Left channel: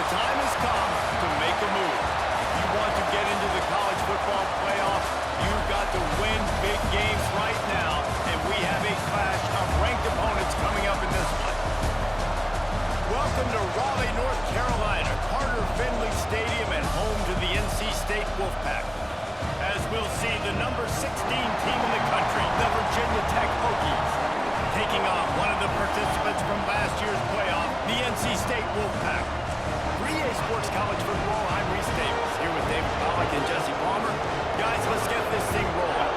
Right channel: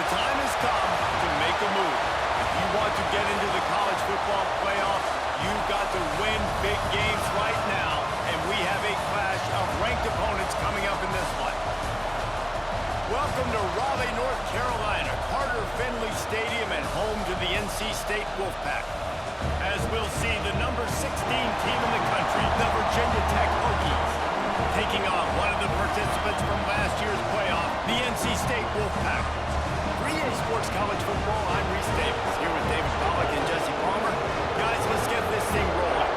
The time has come to make a move. If you want to get into the college football playoff, you've got to win big games right now, and we have a clash of ranked opponents coming up in this one. Welcome to Raleigh, North Carolina, Carter Finley Stadium, and home to the NC State Wolfpack. As we'll see, the number 16 team in the country, the Virginia Tech Hokies, taking on one of the participants from last year's playoff, the NC State Wolfpack. 3A Sports College Football, I'm Reese Davis, here with David Pollack and Jesse Palmer. Guys, let's get this thing rolling.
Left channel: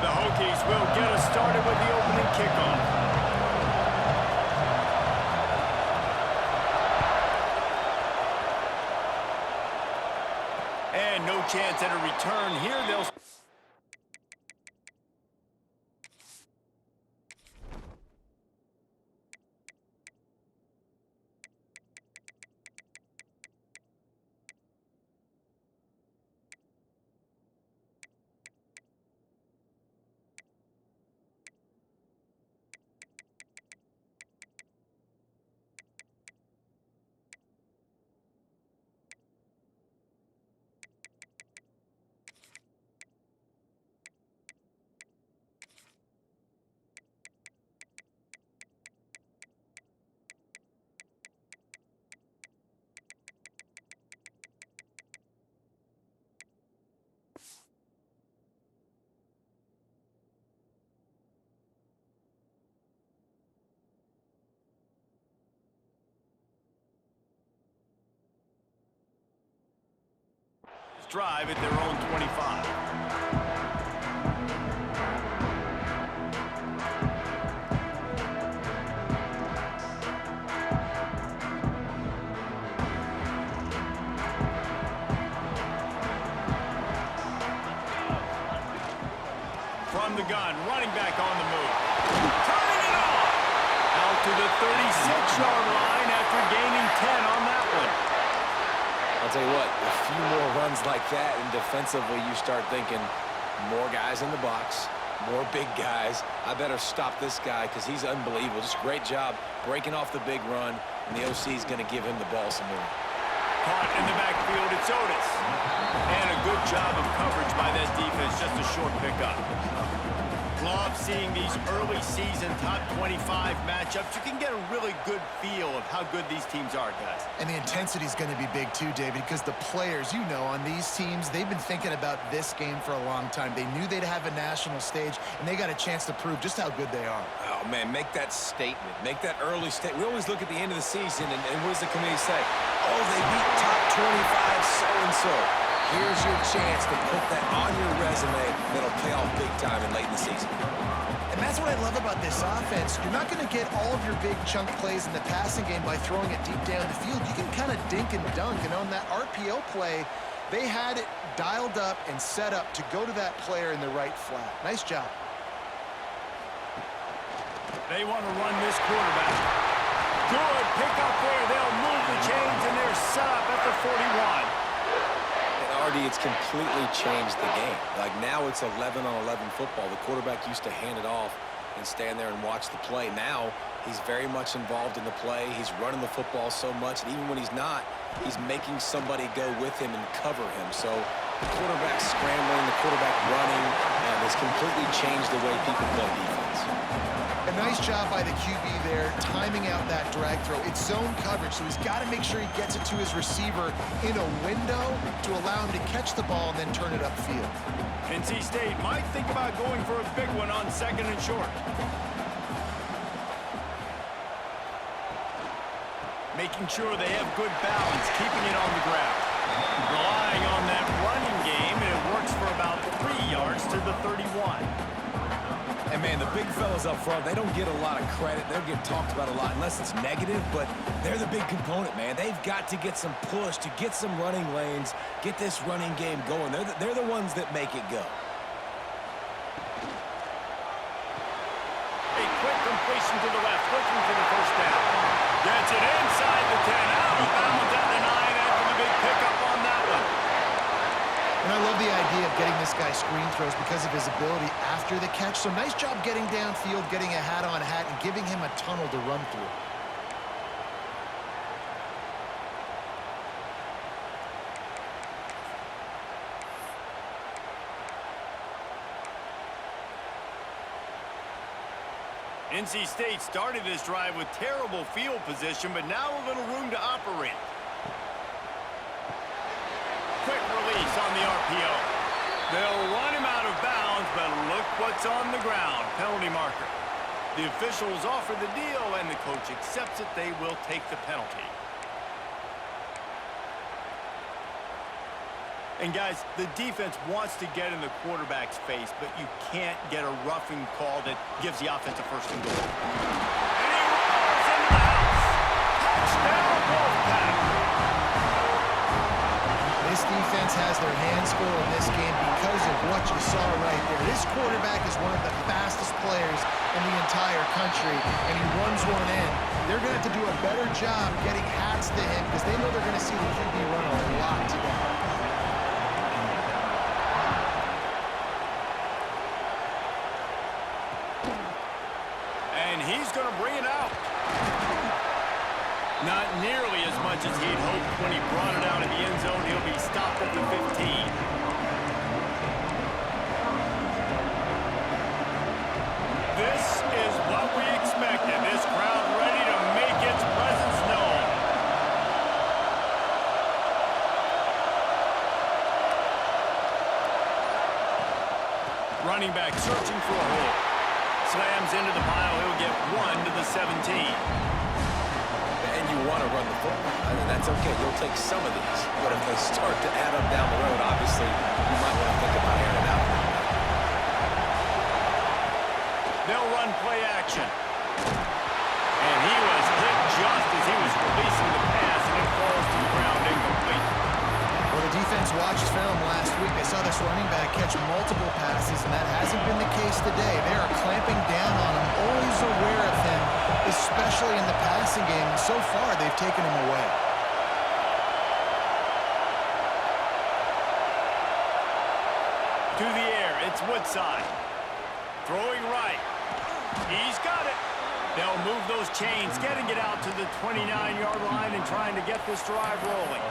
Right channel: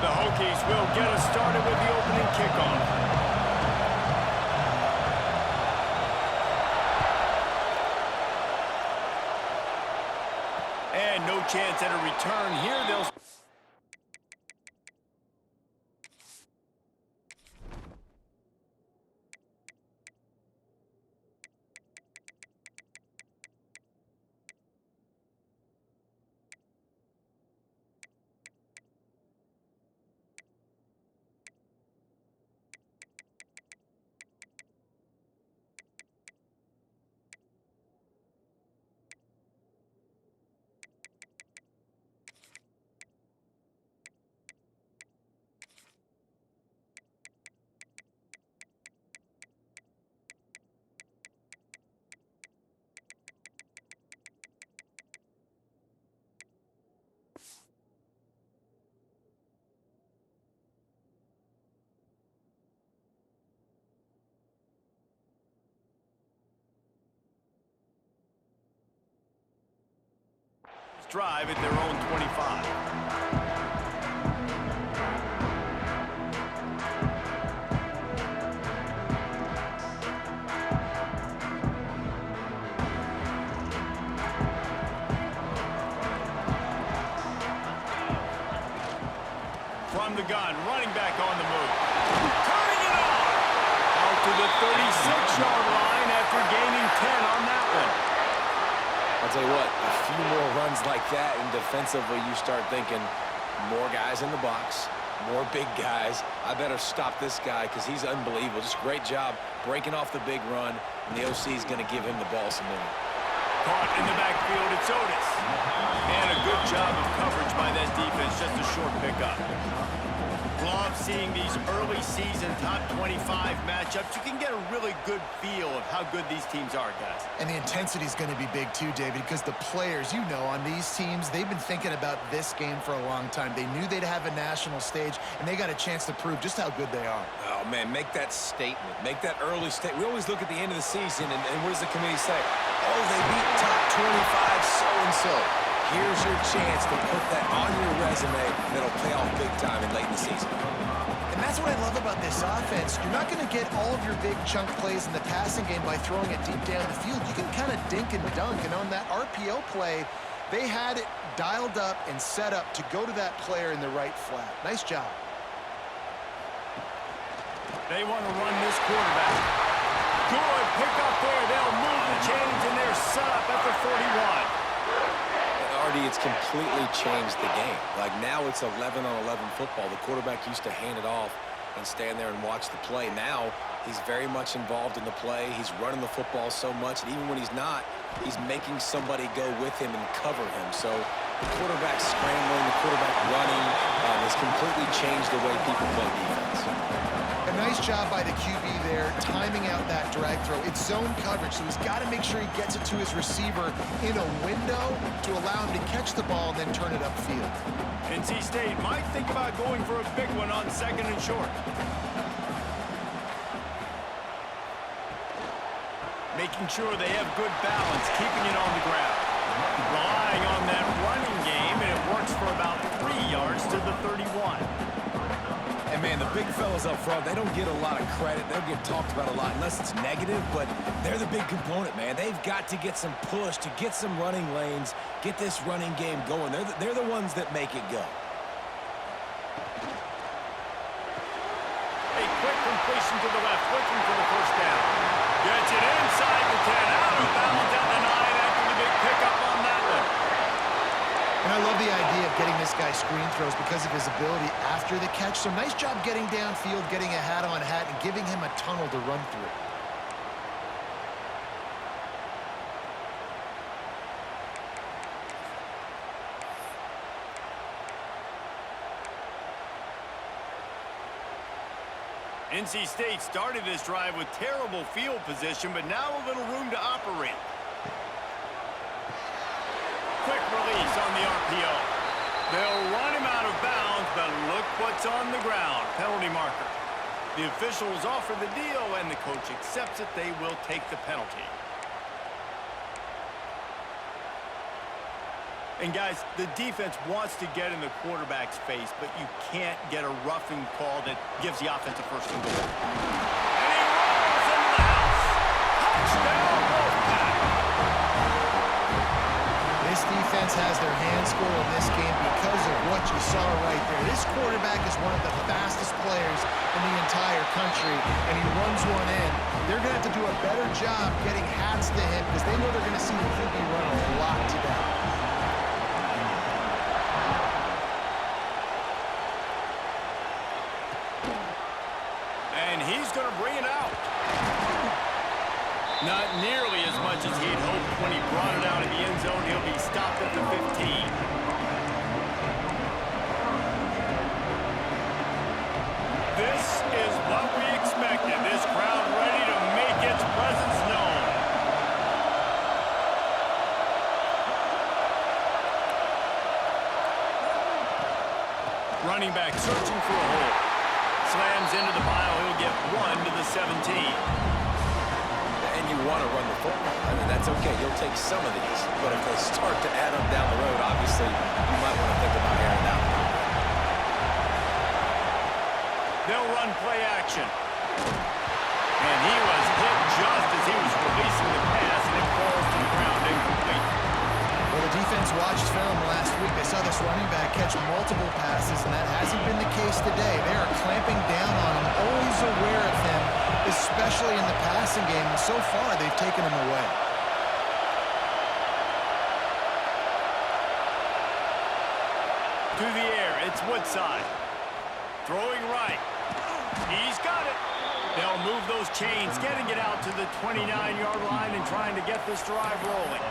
The Hokies will get us started with the opening kickoff. And no chance at a return here. They'll... drive at their own 25. From the gun, running back on the move. Turning it on! Out to the 36-yard line after gaining 10 on that one. I'll tell you what, a few more runs like that, and defensively you start thinking more guys in the box, more big guys. I better stop this guy because he's unbelievable. Just a great job breaking off the big run, and the OC is going to give him the ball some more. Caught in the backfield, it's Otis. And a good job of coverage by that defense, just a short pickup. Love seeing these early season top 25 matchups. You can get a really good feel of how good these teams are, guys. And the intensity is going to be big too, David, because the players, you know, on these teams, they've been thinking about this game for a long time. They knew they'd have a national stage, and they got a chance to prove just how good they are. Oh, man, make that statement. Make that early statement. We always look at the end of the season, and what does the committee say? Oh, they beat top 25 so-and-so. Here's your chance to put that on your resume that'll pay off big time in late in the season. And that's what I love about this offense. You're not going to get all of your big chunk plays in the passing game by throwing it deep down the field. You can kind of dink and dunk. And on that RPO play, they had it dialed up and set up to go to that player in the right flat. Nice job. They want to run this quarterback. Good pick up there. They'll move the chains, and they're set up at the 41. Artie, it's completely changed the game. Like now it's 11-on-11 football. The quarterback used to hand it off and stand there and watch the play. Now he's very much involved in the play. He's running the football so much, and even when he's not, he's making somebody go with him and cover him. So the quarterback scrambling, the quarterback running has completely changed the way people play defense. A nice job by the QB there, timing out that drag throw. It's zone coverage, so he's got to make sure he gets it to his receiver in a window to allow him to catch the ball and then turn it upfield. NC State might think about going for a big one on second and short. Making sure they have good balance, keeping it on the ground. Relying on that running game, and it works for about 3 yards to the 31. And, man, the big fellas up front, they don't get a lot of credit. They'll get talked about a lot unless it's negative, but they're the big component, man. They've got to get some push, to get some running lanes, get this running game going. They're the ones that make it go. A quick completion to the left, looking for the first down. Gets it inside the 10, out of bounds at the 9 after the big pickup on that one. And I love the idea of getting this guy screen throws because of his ability after the catch. So nice job getting downfield, getting a hat-on-hat, and giving him a tunnel to run through. NC State started this drive with terrible field position, but now a little room to operate. Quick release on the RPO. They'll run him out of bounds, but look what's on the ground. Penalty marker. The officials offer the deal, and the coach accepts it. They will take the penalty. And guys, the defense wants to get in the quarterback's face, but you can't get a roughing call that gives the offense a first and goal. And he rolls into the house. Touchdown, Wolfpack. This defense has their hands full in this game because of what you saw right there. This quarterback is one of the fastest players in the entire country, and he runs one in. They're going to have to do a better job getting hats to him because they know they're going to see the QB run a lot today. And he's going to bring it out. Not nearly as much as he'd hoped when he brought it out in the end zone. He'll be stopped at the 15. This is what we expected. This crowd ready to make its presence known. Running back searching for a hole. Slams into the pile. He'll get 1 to the 17. And you want to run the football. I mean, that's okay. You'll take some of these. But if they start to add up down the road, obviously, you might want to think about airing it out a little bit. They'll run play action. And he was hit just as he was releasing the pass, and it falls to the ground incomplete. Well, the defense watched film last week. They saw this running back catch multiple passes, and that hasn't been the case today. They are clamping down on him, always aware of him, especially in the passing game. And so far, they've taken him away. To the air, it's Woodside. Throwing right. He's got it. They'll move those chains, getting it out to the 29-yard line and trying to get this drive rolling.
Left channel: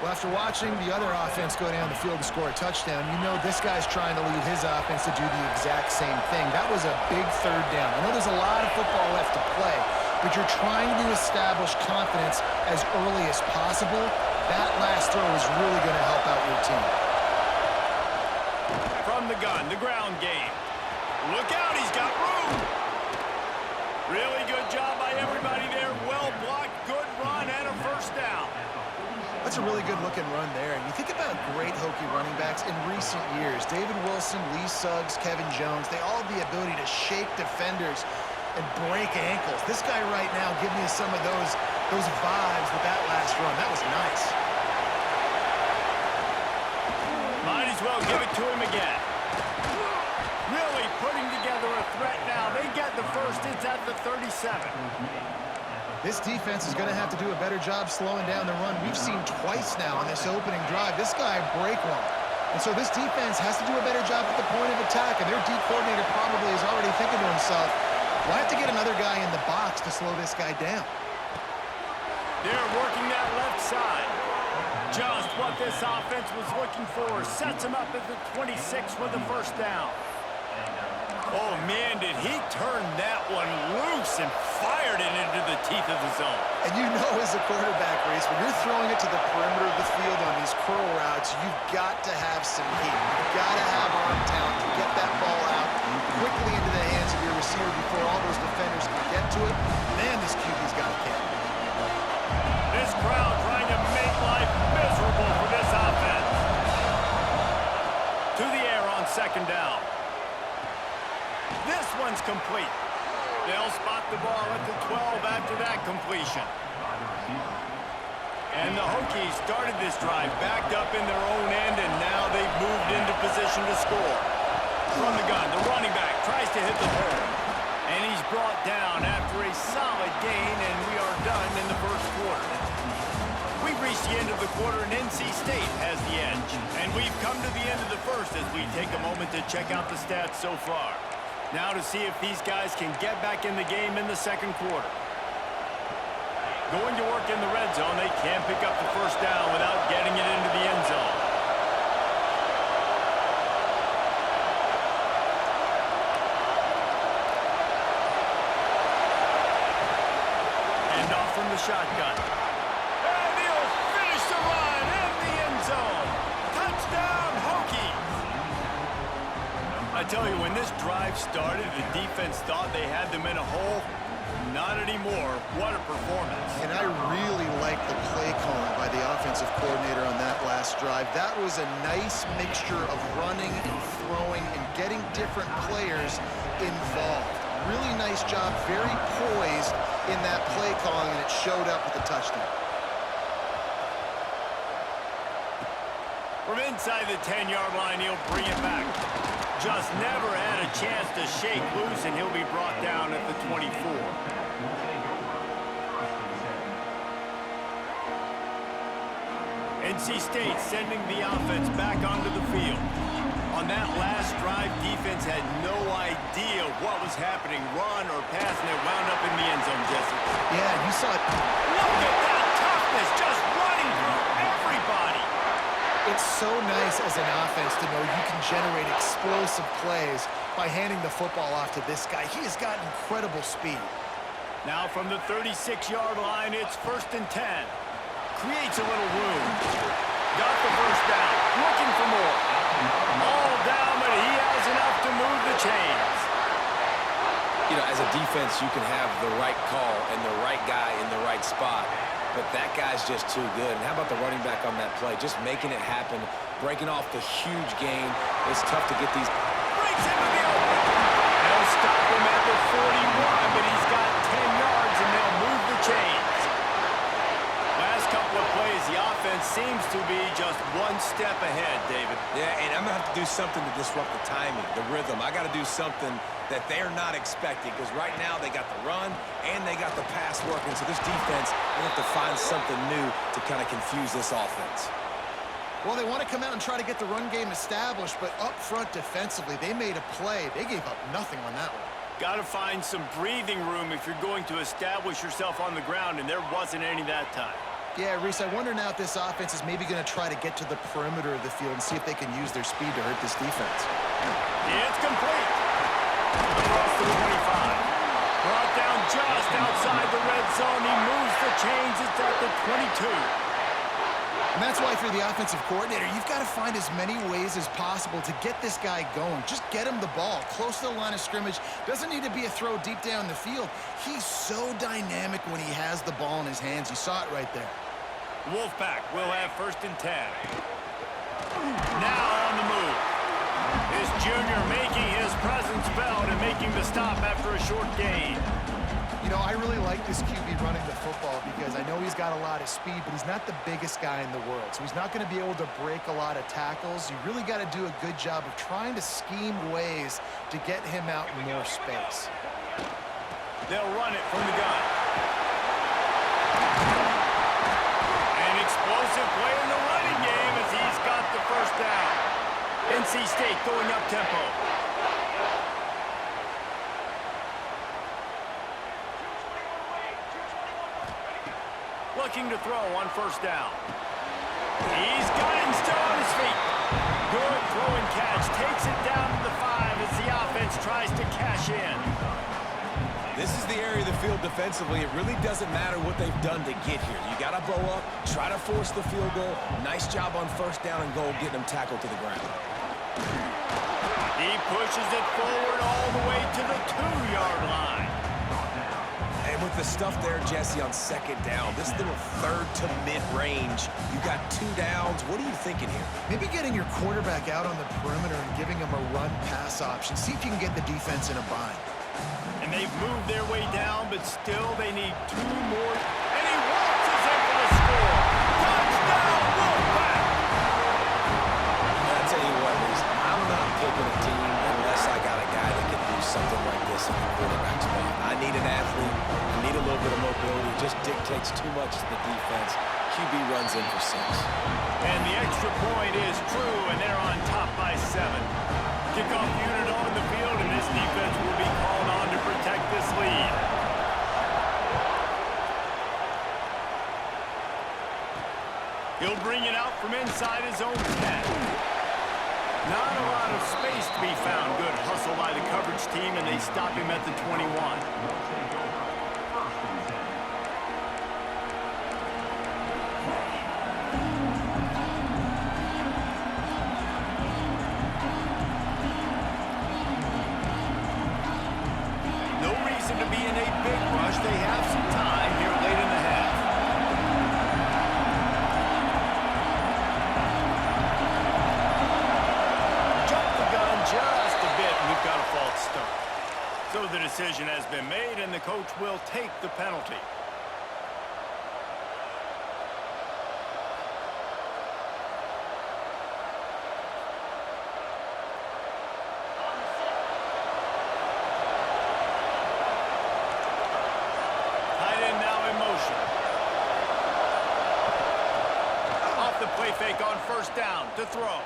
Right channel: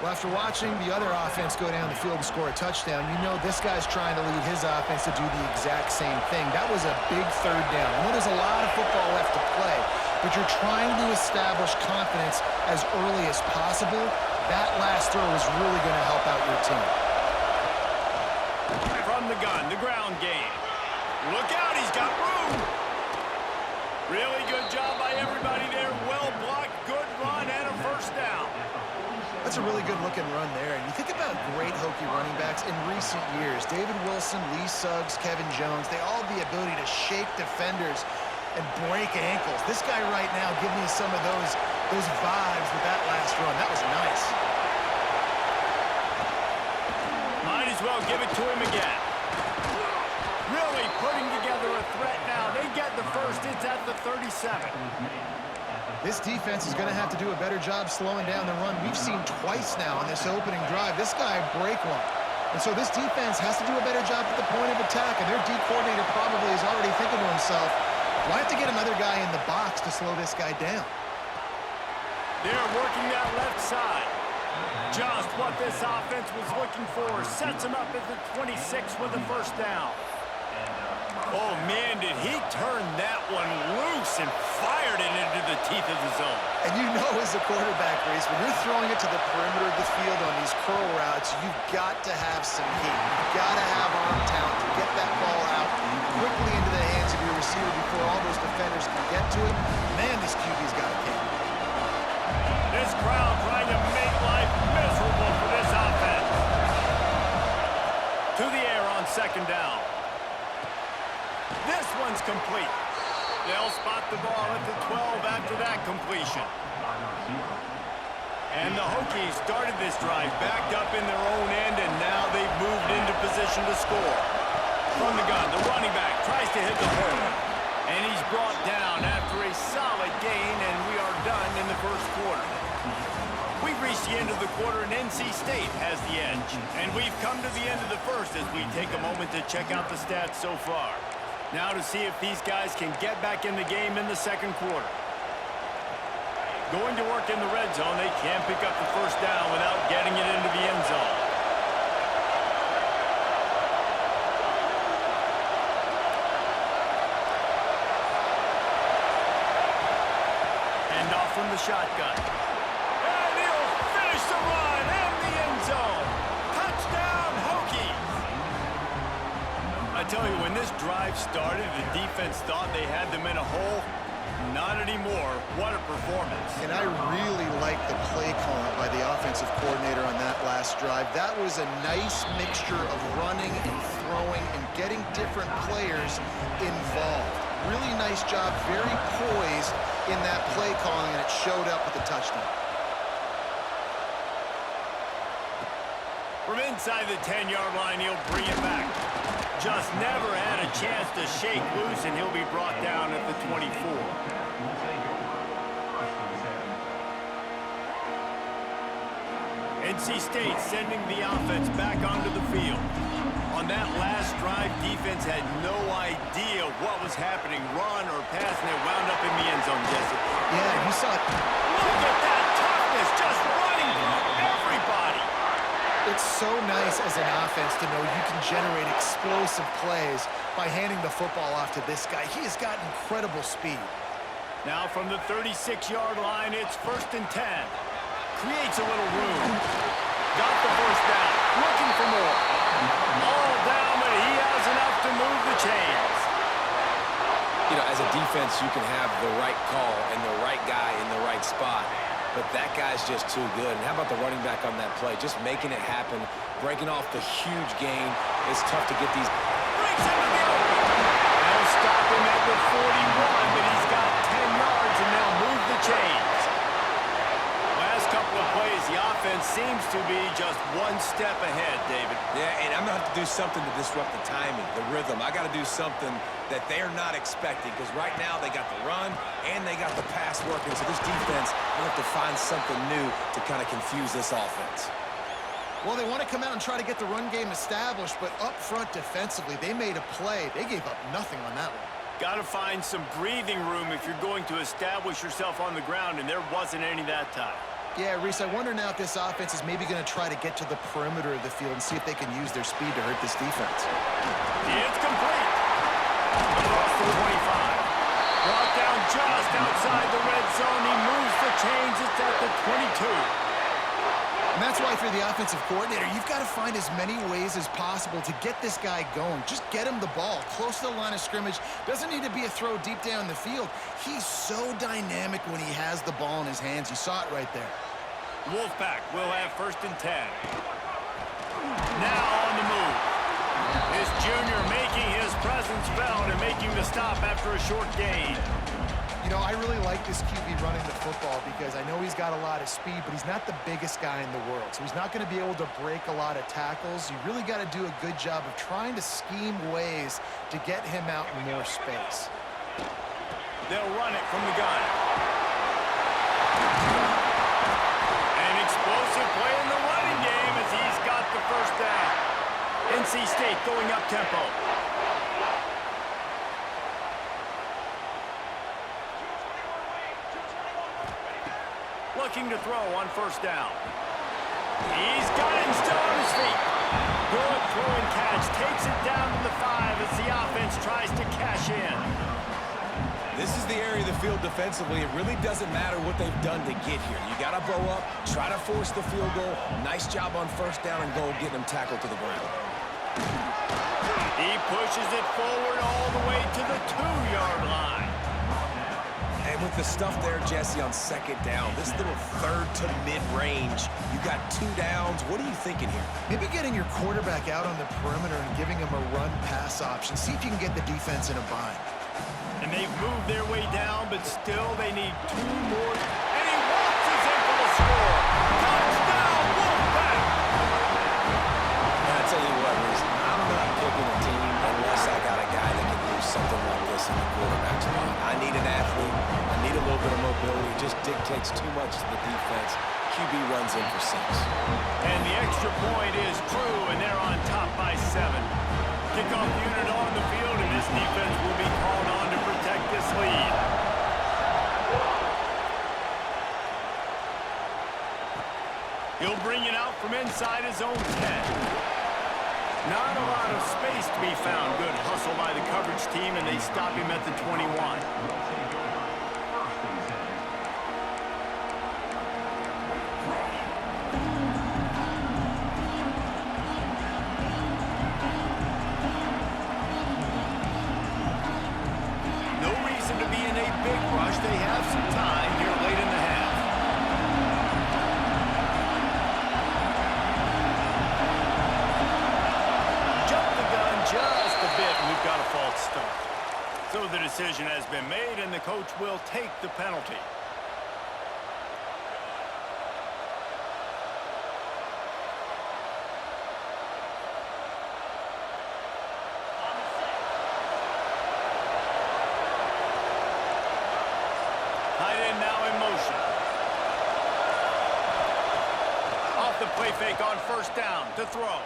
Well, after watching the other offense go down the field to score a touchdown, you know this guy's trying to lead his offense to do the exact same thing. That was a big third down. I know there's a lot of football left to play, but you're trying to establish confidence as early as possible. That last throw is really going to help out your team. From the gun, the ground game. Look out, he's got room. Really good job by everybody there. Well blocked, good run, and a first down. That's a really good-looking run there. And you think about great Hokie running backs in recent years. David Wilson, Lee Suggs, Kevin Jones, they all have the ability to shake defenders and break ankles. This guy right now giving you some of those vibes with that last run. That was nice. Might as well give it to him again. Really putting together a threat now. They get the first. It's at the 37. This defense is going to have to do a better job slowing down the run. We've seen twice now on this opening drive. This guy break one. And so this defense has to do a better job at the point of attack. And their D coordinator probably is already thinking to himself, well, I have to get another guy in the box to slow this guy down. They're working that left side. Just what this offense was looking for. Sets him up at the 26 with the first down. Oh, man, did he turn that one loose and fired it into the teeth of the zone. And you know as a quarterback, Reese, when you're throwing it to the perimeter of the field on these curl routes, you've got to have some heat. You've got to have arm talent to get that ball out quickly into the hands of your receiver before all those defenders can get to it. Man, this QB's got a camp. This crowd trying to make life miserable for this offense. To the air on second down. This one's complete. They'll spot the ball at the 12 after that completion. And the Hokies started this drive backed up in their own end, and now they've moved into position to score. From the gun, the running back tries to hit the hole. brought down after a solid gain, and we are done in the first quarter. We've reached the end of the quarter, and NC State has the edge. And we've come to the end of the first as we take a moment to check out the stats so far. Now to see if these guys can get back in the game in the second quarter. Going to work in the red zone, they can pick up the first down without getting it into the end zone. Hand off from the shotgun. And he'll finish the run in the end zone. Touchdown, Hokies! I tell you, when this drive started, the defense thought they had them in a hole. Not anymore. What a performance. And I really like the play calling by the offensive coordinator on that last drive. That was a nice mixture of running and throwing and getting different players involved. Really nice job, very poised in that play calling, and it showed up with the touchdown. From inside the 10-yard line, he'll bring it back. Just never had a chance to shake loose, and he'll be brought down at the 24. NC State sending the offense back onto the field. On that last drive, defense had no idea what was happening, run or pass, and it wound up in the end zone, Jesse. Yeah, you saw it. Look at that toughness, just running through everybody. It's so nice as an offense to know you can generate explosive plays by handing the football off to this guy. He has got incredible speed. Now from the 36-yard line, it's 1st and 10. Creates a little room. Got the first down. Looking for more. All down, but he has enough to move the chains. You know, as a defense, you can have the right call and the right guy in the right spot, but that guy's just too good. And how about the running back on that play? Just making it happen, breaking off the huge gain. It's tough to get these. Breaks into the open. They'll stop him at the 41, but he's got 10 yards, and they'll move the chains. Last couple of plays, the offense seems to be just one step ahead, David. Yeah, and I'm going to have to do something to disrupt the timing, the rhythm. I got to do something that they're not expecting, because right now they got the run and they got the pass working. So this defense, they have to find something new to kind of confuse this offense. Well, they want to come out and try to get the run game established, but up front defensively, they made a play. They gave up nothing on that one. Got to find some breathing room if you're going to establish yourself on the ground, and there wasn't any that time. Yeah, Reese, I wonder now if this offense is maybe going to try to get to the perimeter of the field and see if they can use their speed to hurt this defense. It's complete. Across the 25. Brought down just outside the red zone. He moves the chains. It's at the 22. And that's why, if you're the offensive coordinator, you've got to find as many ways as possible to get this guy going. Just get him the ball close to the line of scrimmage. Doesn't need to be a throw deep down the field. He's so dynamic when he has the ball in his hands. You saw it right there. Wolfpack will have 1st and 10. Now on the move. This junior making his presence felt and making the stop after a short gain. You know, I really like this QB running the football because I know he's got a lot of speed, but he's not the biggest guy in the world. So he's not going to be able to break a lot of tackles. You really got to do a good job of trying to scheme ways to get him out in more space. They'll run it from the gun. An explosive play in the running game as he's got the first down. NC State going up tempo. Looking to throw on 1st down. He's got it and still on his feet. Good throw and catch. Takes it down to the 5 as the offense tries to cash in. This is the area of the field defensively. It really doesn't matter what they've done to get here. You got to bow up, try to force the field goal. Nice job on 1st down and goal, getting them tackled to the ground. He pushes it forward all the way to the 2-yard line. And with the stuff there, Jesse, on 2nd down, this little 3rd to mid-range, you got 2 downs. What are you thinking here? Maybe getting your quarterback out on the perimeter and giving him a run-pass option. See if you can get the defense in a bind. And they've moved their way down, but still they need 2 more. And he waltzes in for the score. Touchdown, Wolfpack! And I tell you what, Reese, I'm not picking a team unless I got a guy that can do something like this in the quarterback spot. I need an athlete. I need a little bit of mobility. It just dictates too much to the defense. QB runs in for 6. And the extra point is true, and they're on top by 7. Kickoff unit on the field, and this defense will be called on to protect this lead. He'll bring it out from inside his own 10. Not a lot of space to be found. Good hustle by the coverage team, and they stop him at the 21. No reason to be in a big rush. They have some time here late in the half. Just a bit, and we've got a false start. So the decision has been made, and the coach will take the penalty. Tight end now in motion. Off the play fake on first down to throw.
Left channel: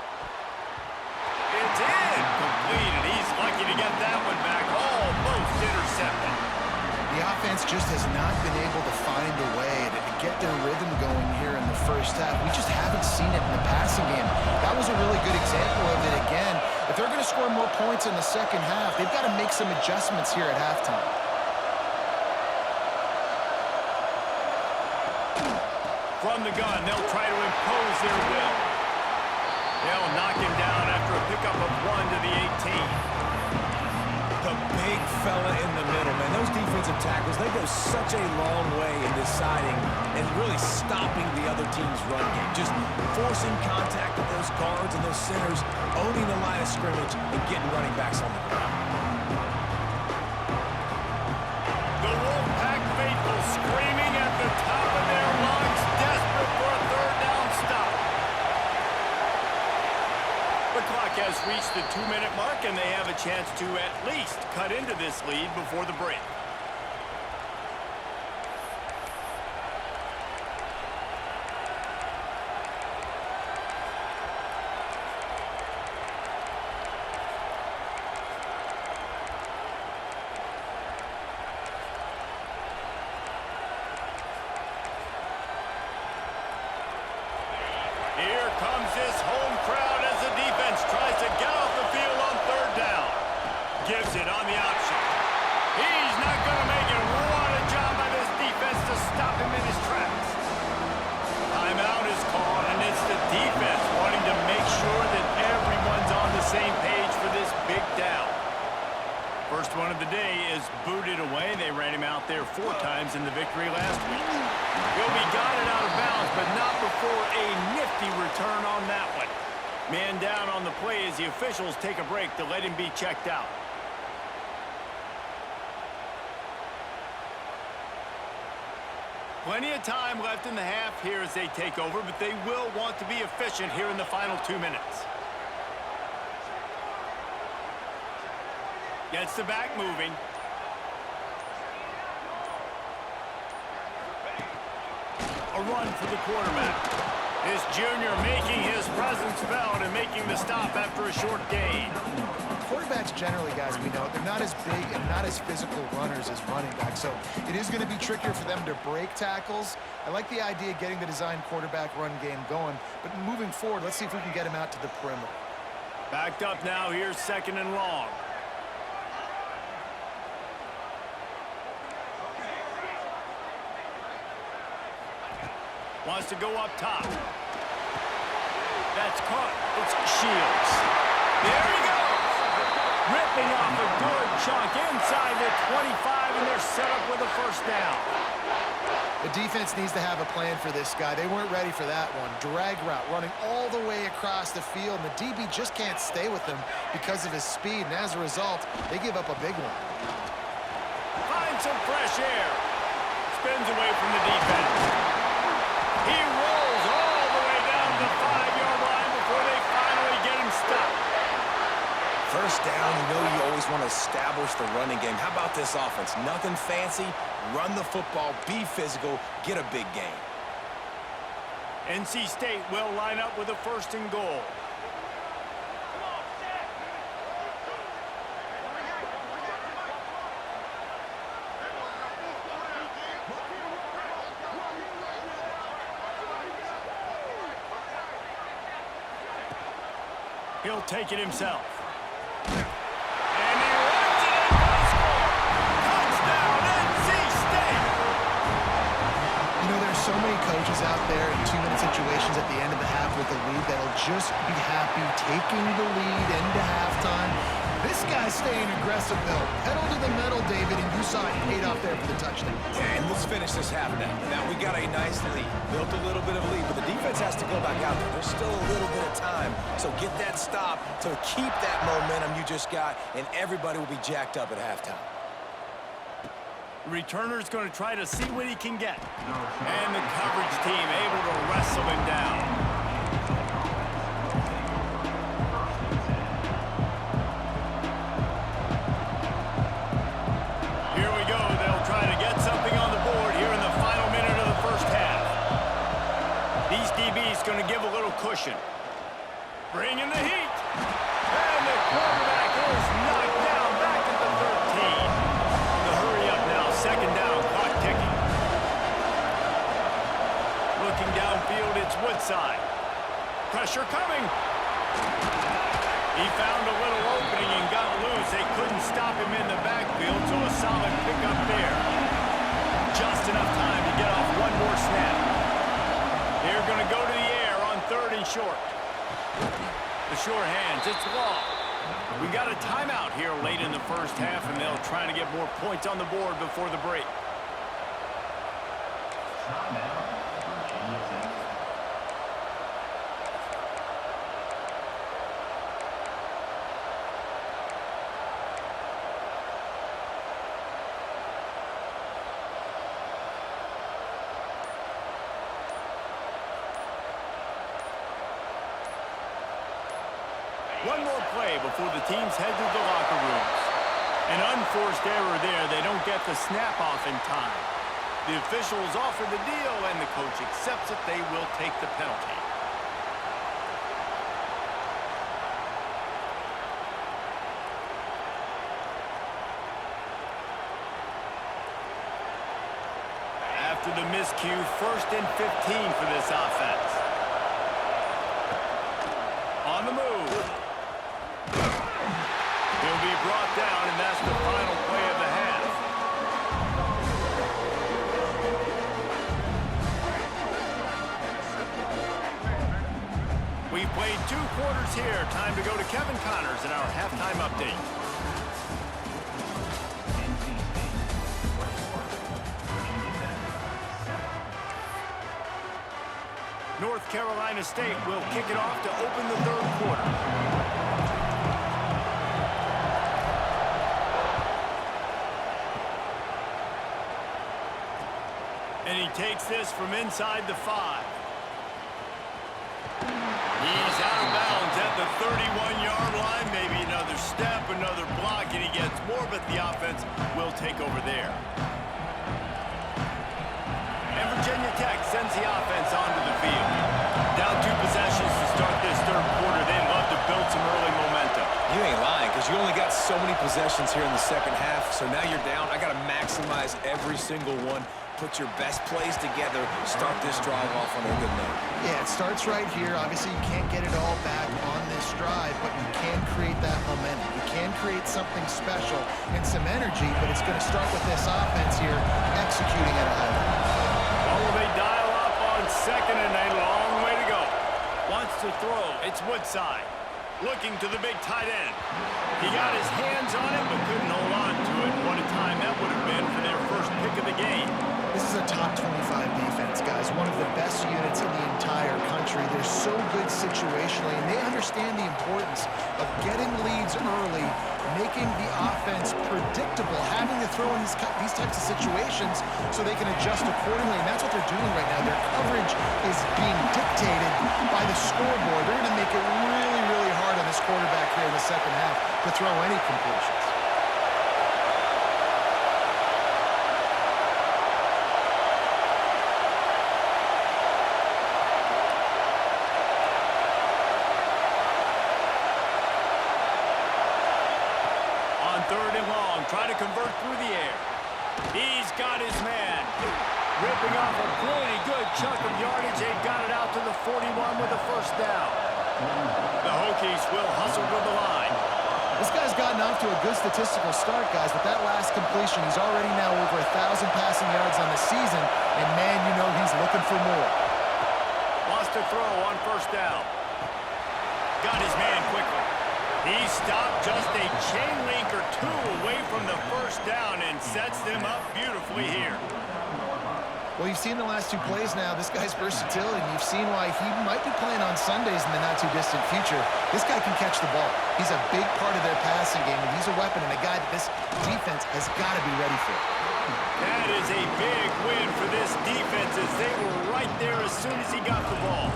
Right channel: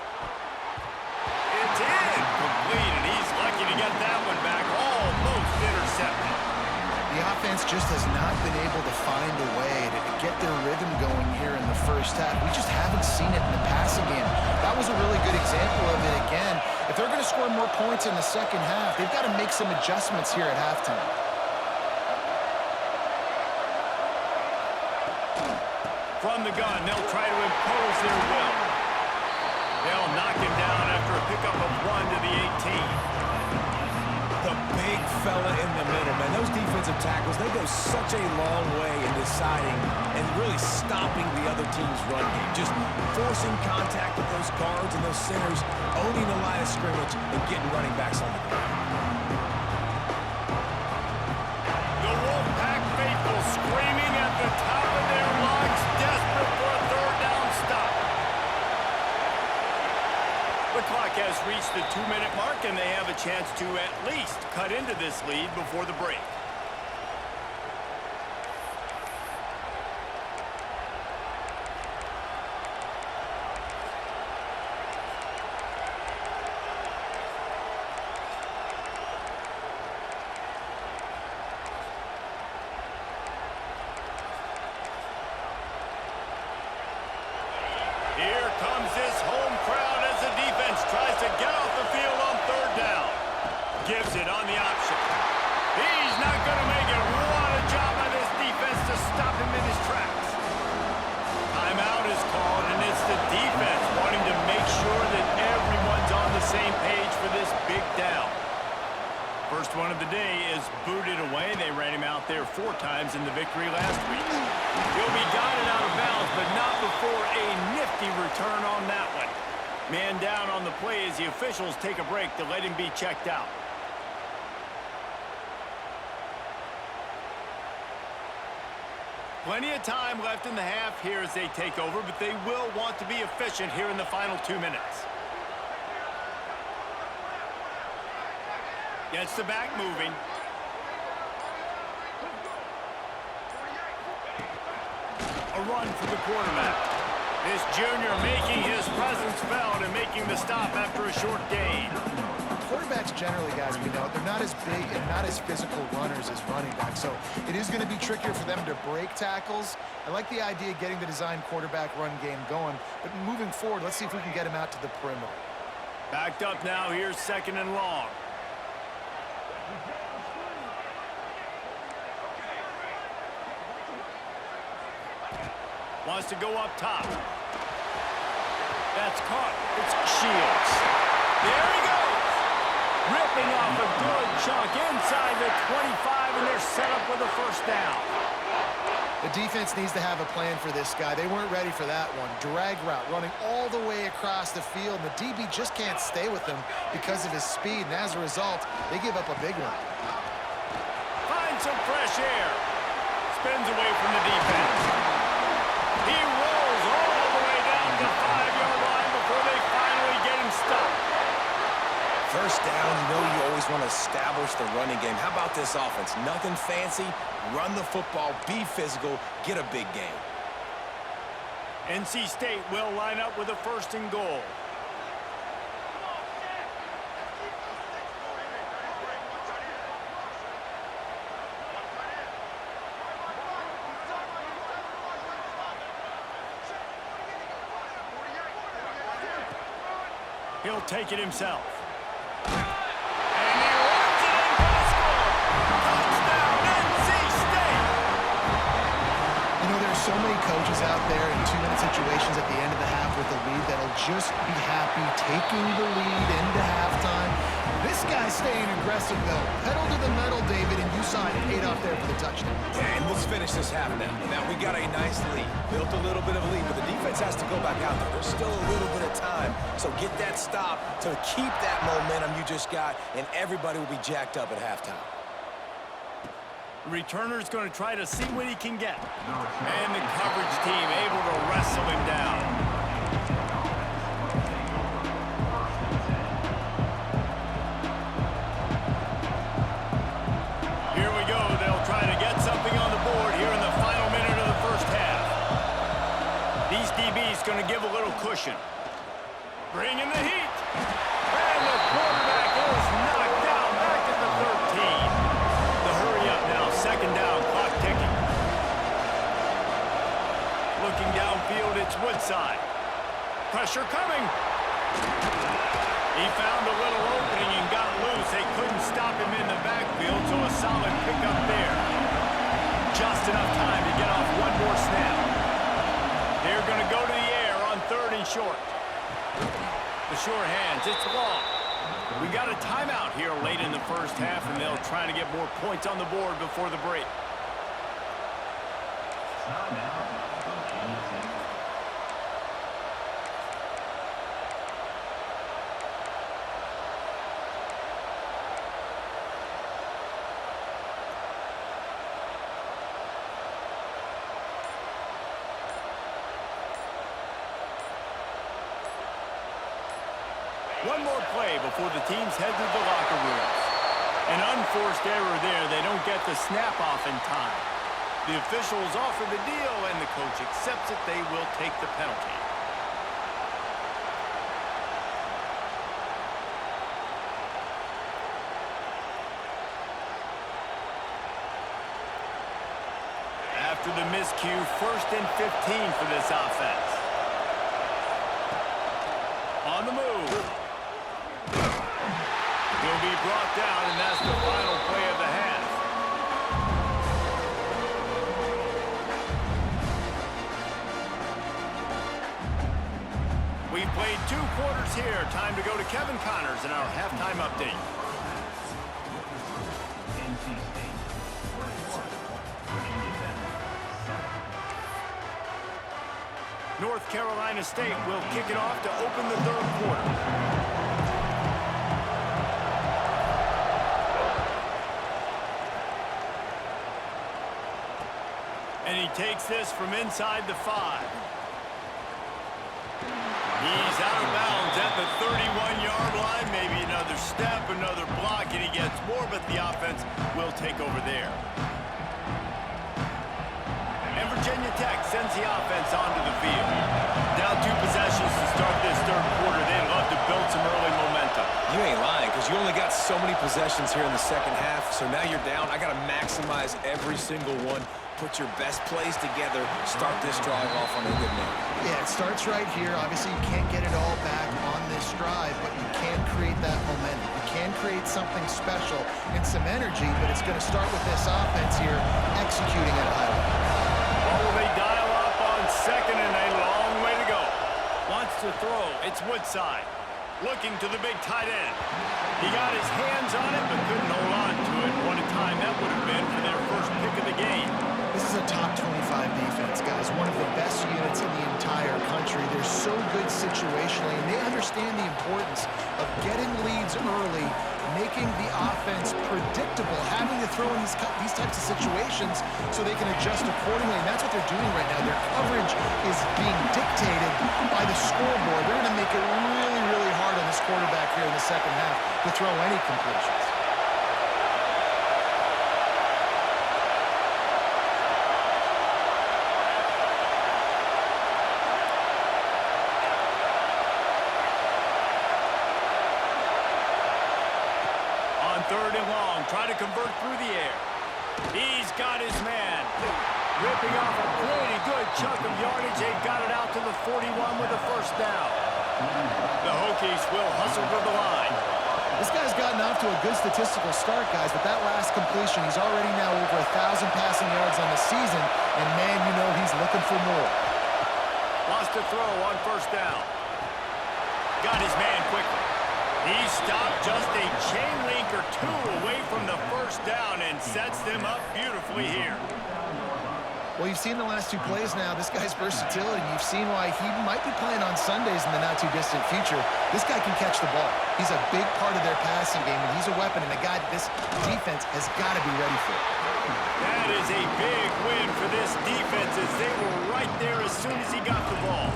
It's incomplete, and he's lucky to get that one back. Almost intercepted. The offense just has not been able to find a way to get their rhythm going here in the first half. We just haven't seen it in the passing game. That was a really good example of it again. If they're going to score more points in the second half, they've got to make some adjustments here at halftime. From the gun, they'll try to impose their will. They'll knock him down after a pickup of 1 to the 18. The big fella in the middle, man. Those defensive tackles, they go such a long way in deciding and really stopping the other team's run game. Just forcing contact with those guards and those centers, owning the line of scrimmage, and getting running backs on the ground. The Wolfpack faithful screaming at the top of their lungs, desperate for a third down stop. The clock has reached the 2-minute mark, and they have a chance to at least cut into this lead before the break. Here comes this home crowd as the defense tries to get off the field on third down. Gives it on the option. He's not going to make it. What a job by this defense to stop him in his tracks. Timeout is called, and it's the defense wanting to make sure that everyone's on the same page for this big down. First one of the day is booted away. They ran him out there 4 times in the victory last week. He'll be guided out of bounds, but not before a nifty return on that one. Man down on the play as the officials take a break to let him be checked out. Plenty of time left in the half here as they take over, but they will want to be efficient here in the final 2 minutes. Gets the back moving. A run for the quarterback. This junior making his presence felt and making the stop after a short gain. Quarterbacks generally, guys, we know, they're not as big and not as physical runners as running backs, so it is going to be trickier for them to break tackles. I like the idea of getting the design quarterback run game going, but moving forward, let's see if we can get him out to the perimeter. Backed up now, here's 2nd and long. Wants to go up top. That's caught. It's Shields. There he goes. Ripping off a good chunk inside the 25, and they're set up with a first down. The defense needs to have a plan for this guy. They weren't ready for that one. Drag route running all the way across the field, and the DB just can't stay with him because of his speed, and as a result, they give up a big one. Finds some fresh air. Spins away from the defense. He rolls all the way down to the 5-yard line before they finally get him stopped. First down, you know you always want to establish the running game. How about this offense? Nothing fancy. Run the football, be physical, get a big gain. NC State will line up with a 1st and goal. He'll take it himself. And he runs it in for the score. Touchdown, NC State! You know, there's so many coaches out there in 2-minute situations at the end of the half with the lead that'll just be happy taking the lead into halftime. This guy's staying aggressive, though. Pedal to the metal, David, and you saw it paid off there for the touchdown. And let's finish this half now. Now, we got a nice lead. Built a little bit of a lead, but the defense has to go back out there. There's still a little bit of time. So get that stop to keep that momentum you just got, and everybody will be jacked up at halftime. Returner's going to try to see what he can get. And the coverage team able to wrestle him down. Here we go. They'll try to get something on the board here in the final minute of the first half. These DBs going to give a little cushion. Bring in the heat. And the quarterback is knocked down back at the 13. The hurry up now, 2nd down, clock ticking. Looking downfield, it's Woodside. Pressure coming. He found a little opening and got loose. They couldn't stop him in the backfield, so a solid pickup there. Just enough time to get off one more snap. They're going to go to the air on 3rd and short. The short hands, it's long. We got a timeout here late in the first half, and they'll try to get more points on the board before the break. One more play before the teams head to the locker rooms. An unforced error there. They don't get the snap off in time. The officials offer the deal, and the coach accepts it. They will take the penalty. After the miscue, 1st and 15 for this offense. On the move. He'll be brought down, and that's the final play of the half. We've played 2 quarters here. Time to go to Kevin Connors in our halftime update. North Carolina State will kick it off to open the 3rd quarter. And he takes this from inside the 5. He's out of bounds at the 31-yard line. Maybe another step, another block, and he gets more, but the offense will take over there. And Virginia Tech sends the offense onto the field. Down 2 possessions to start this 3rd quarter. They'd love to build some early momentum. You ain't lying, because you only got so many possessions here in the 2nd half, so now you're down. I got to maximize every single one. Put your best plays together. Start this drive off on a good note. Yeah, it starts right here. Obviously, you can't get it all back on this drive, but you can create that momentum. You can create something special and some energy, but it's going to start with this offense here executing at a high level. Well, will they dial up on 2nd and a long way to go? Wants to throw. It's Woodside. Looking to the big tight end. He got his hands on it, but couldn't hold on to it. What a time that would have been for their first pick of the game. This is a top 25 defense, guys. One of the best units in the entire country. They're so good situationally, and they understand the importance of getting leads early, making the offense predictable, having to throw in these types of situations so they can adjust accordingly, and that's what they're doing right now. Their coverage is being dictated by the scoreboard. They're going to make it really, really hard on this this quarterback here in the second half to throw any completions. On 3rd and long, try to convert through the air. He's got his man. Ripping off a pretty good chunk of yardage. They got it out to the 41 with a first down. The Hokies will hustle to the line. This guy's gotten off to a good statistical start, guys, but that last completion, he's already now over 1,000 passing yards on the season, and man, you know he's looking for more. Wants to throw on first down. Got his man quickly. He stopped just a chain link or two away from the first down and sets them up beautifully here. Well, you've seen the last 2 plays now. This guy's versatility. You've seen why he might be playing on Sundays in the not-too-distant future. This guy can catch the ball. He's a big part of their passing game, and he's a weapon and a guy that this defense has got to be ready for. That is a big win for this defense as they were right there as soon as he got the ball.